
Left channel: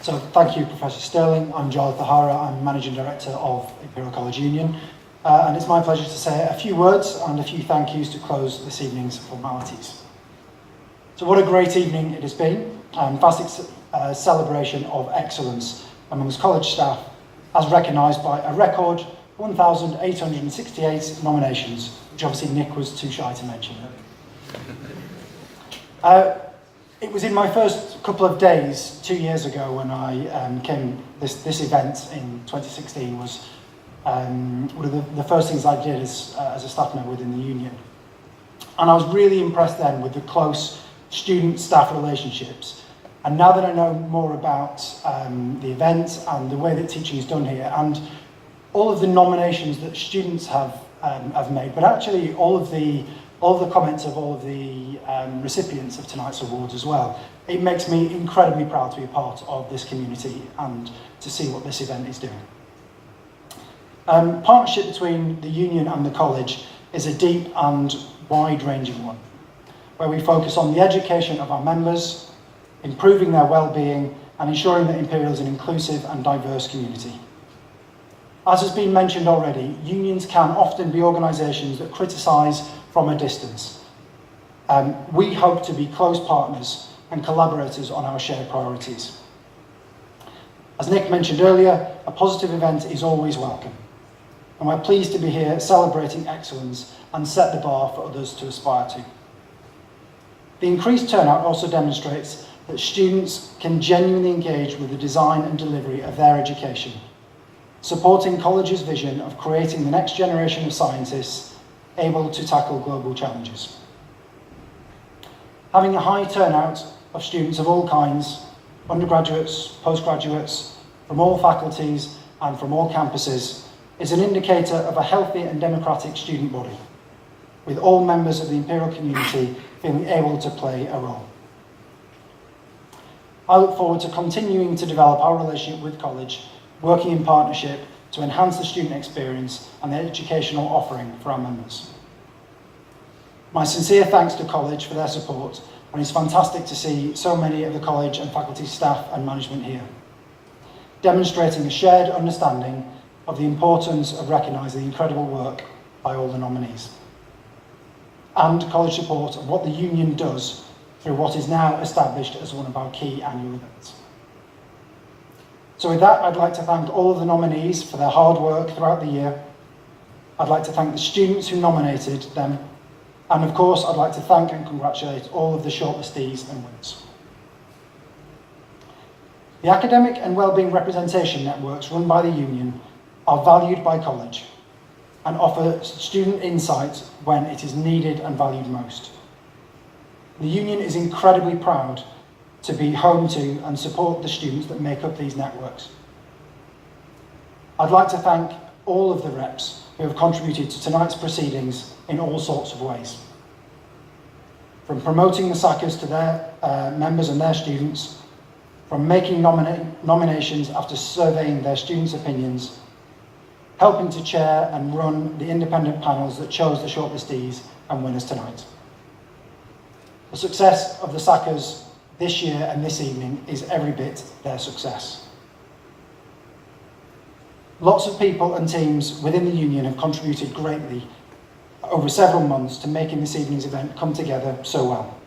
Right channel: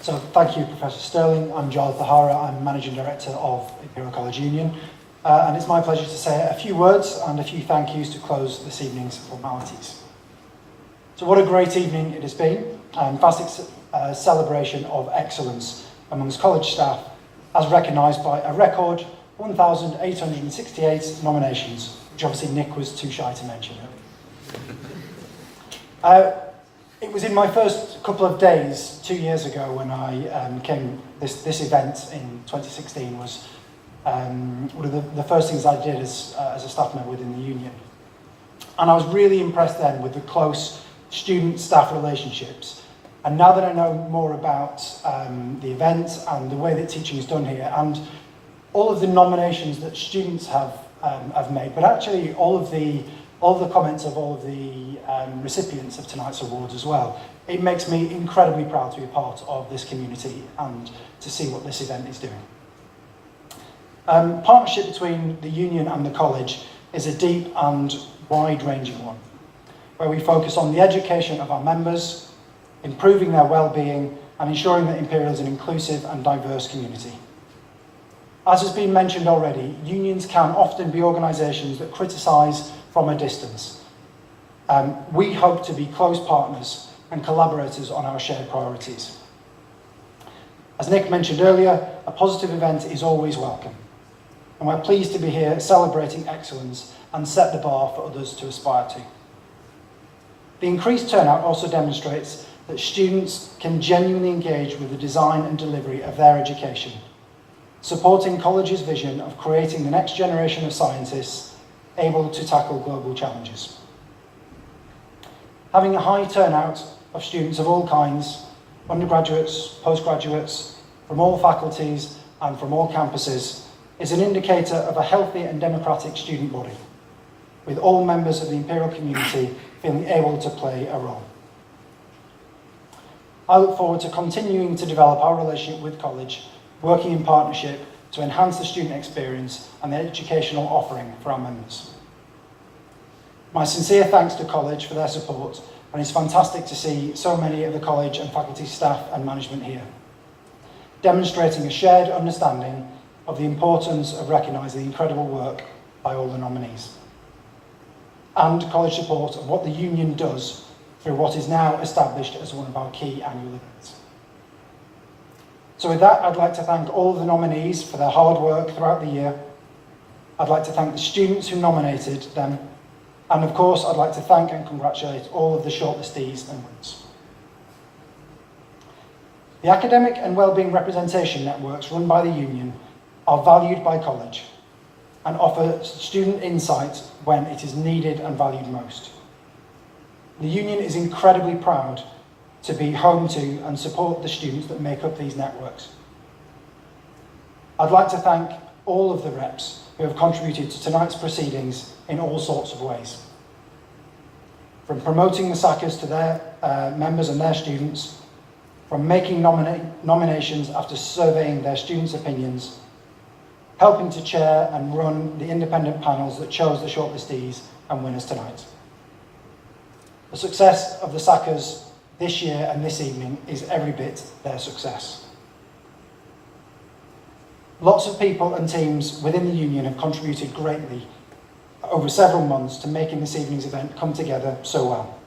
So thank you, Professor Sterling. I'm Jarlath Tahara. I'm Managing Director of Imperial College Union. And it's my pleasure to say a few words and a few thank yous to close this evening's formalities. So what a great evening it has been. Fantastic celebration of excellence amongst college staff, as recognised by a record 1,868 nominations, which obviously Nick was too shy to mention earlier. It was in my first couple of days 2 years ago when I came. This event in 2016 was one of the first things I did as a staff member within the union, and I was really impressed then with the close student-staff relationships. And now that I know more about the event and the way that teaching is done here, and all of the nominations that students have made, but actually all of the comments of all of the recipients of tonight's awards as well, it makes me incredibly proud to be a part of this community and to see what this event is doing. Partnership between the union and the college is a deep and wide-ranging one, where we focus on the education of our members, improving their well-being, and ensuring that Imperial is an inclusive and diverse community. As has been mentioned already, unions can often be organisations that criticise from a distance. We hope to be close partners and collaborators on our shared priorities. As Nick mentioned earlier, a positive event is always welcome, and we're pleased to be here celebrating excellence and set the bar for others to aspire to. The increased turnout also demonstrates that students can genuinely engage with the design and delivery of their education, supporting college's vision of creating the next generation of scientists able to tackle global challenges. Having a high turnout of students of all kinds, undergraduates, postgraduates, from all faculties and from all campuses, is an indicator of a healthy and democratic student body, with all members of the Imperial community feeling able to play a role. I look forward to continuing to develop our relationship with college, working in partnership to enhance the student experience and the educational offering for our members. My sincere thanks to college for their support, and it's fantastic to see so many of the college and faculty staff and management here, demonstrating a shared understanding of the importance of recognising the incredible work by all the nominees, and college support of what the union does through what is now established as one of our key annual events. So with that, I'd like to thank all of the nominees for their hard work throughout the year. I'd like to thank the students who nominated them, and of course I'd like to thank and congratulate all of the shortlistees and winners. The academic and wellbeing representation networks run by the union are valued by college and offer student insight when it is needed and valued most. The union is incredibly proud to be home to and support the students that make up these networks. I'd like to thank all of the reps who have contributed to tonight's proceedings in all sorts of ways. From promoting the SACAs to their members and their students, from making nominations after surveying their students' opinions, helping to chair and run the independent panels that chose the shortlistees and winners tonight. The success of the SACAs this year and this evening is every bit their success. Lots of people and teams within the union have contributed greatly over several months to making this evening's event come together so well.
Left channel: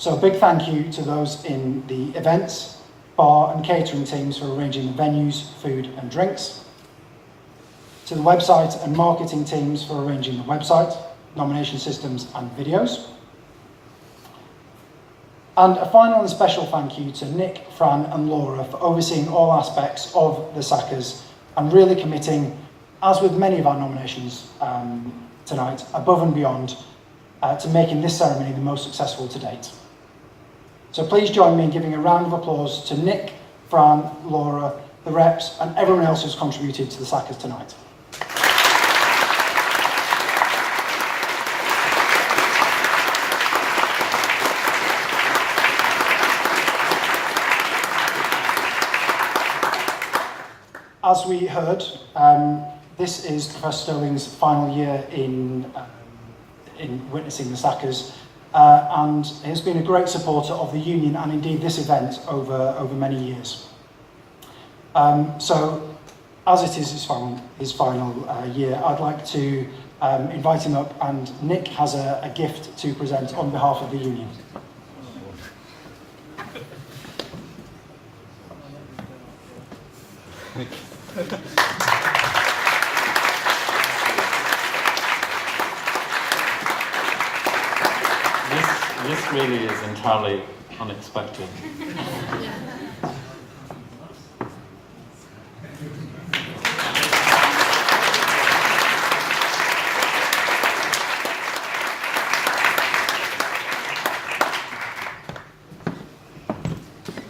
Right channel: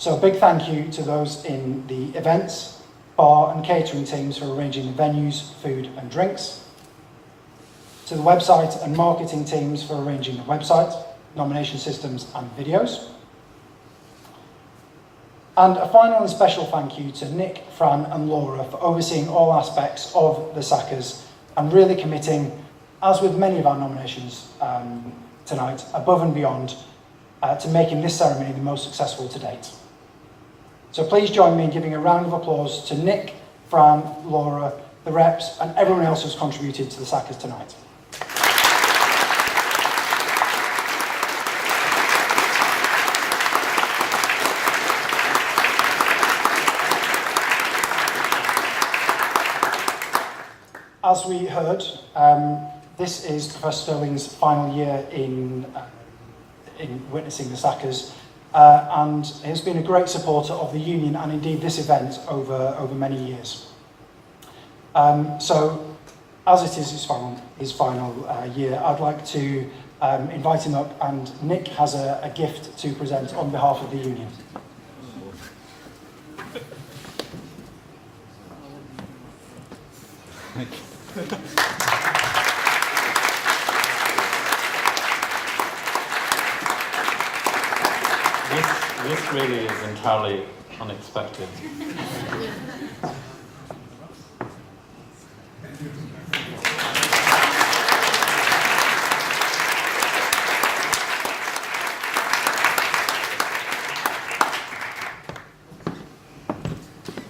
So a big thank you to those in the events, bar and catering teams for arranging the venues, food and drinks, to the website and marketing teams for arranging the website, nomination systems and videos. And a final and special thank you to Nick, Fran and Laura for overseeing all aspects of the SACAs and really committing, as with many of our nominations tonight, above and beyond to making this ceremony the most successful to date. So please join me in giving a round of applause to Nick, Fran, Laura, the reps and everyone else who's contributed to the SACAs tonight. As we heard, this is Professor Sterling's final year in witnessing the SACAs, and has been a great supporter of the union and indeed this event over many years. So, as it is his final year, I'd like to invite him up, and Nick has a gift to present on behalf of the union. This really is entirely unexpected.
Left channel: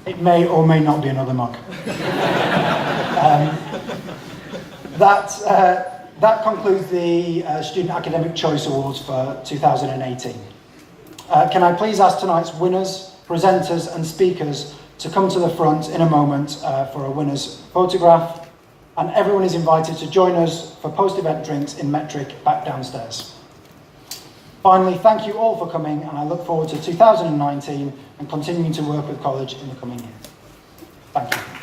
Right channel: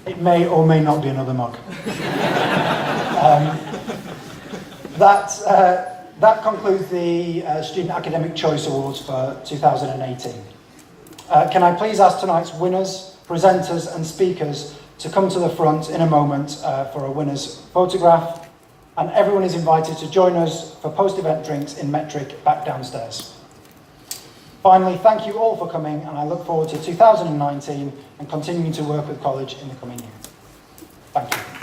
It may or may not be another mug. That concludes the Student Academic Choice Awards for 2018. Can I please ask tonight's winners, presenters and speakers to come to the front in a moment for a winner's photograph, and everyone is invited to join us for post-event drinks in Metric back downstairs. Finally, thank you all for coming, and I look forward to 2019 and continuing to work with college in the coming year. Thank you.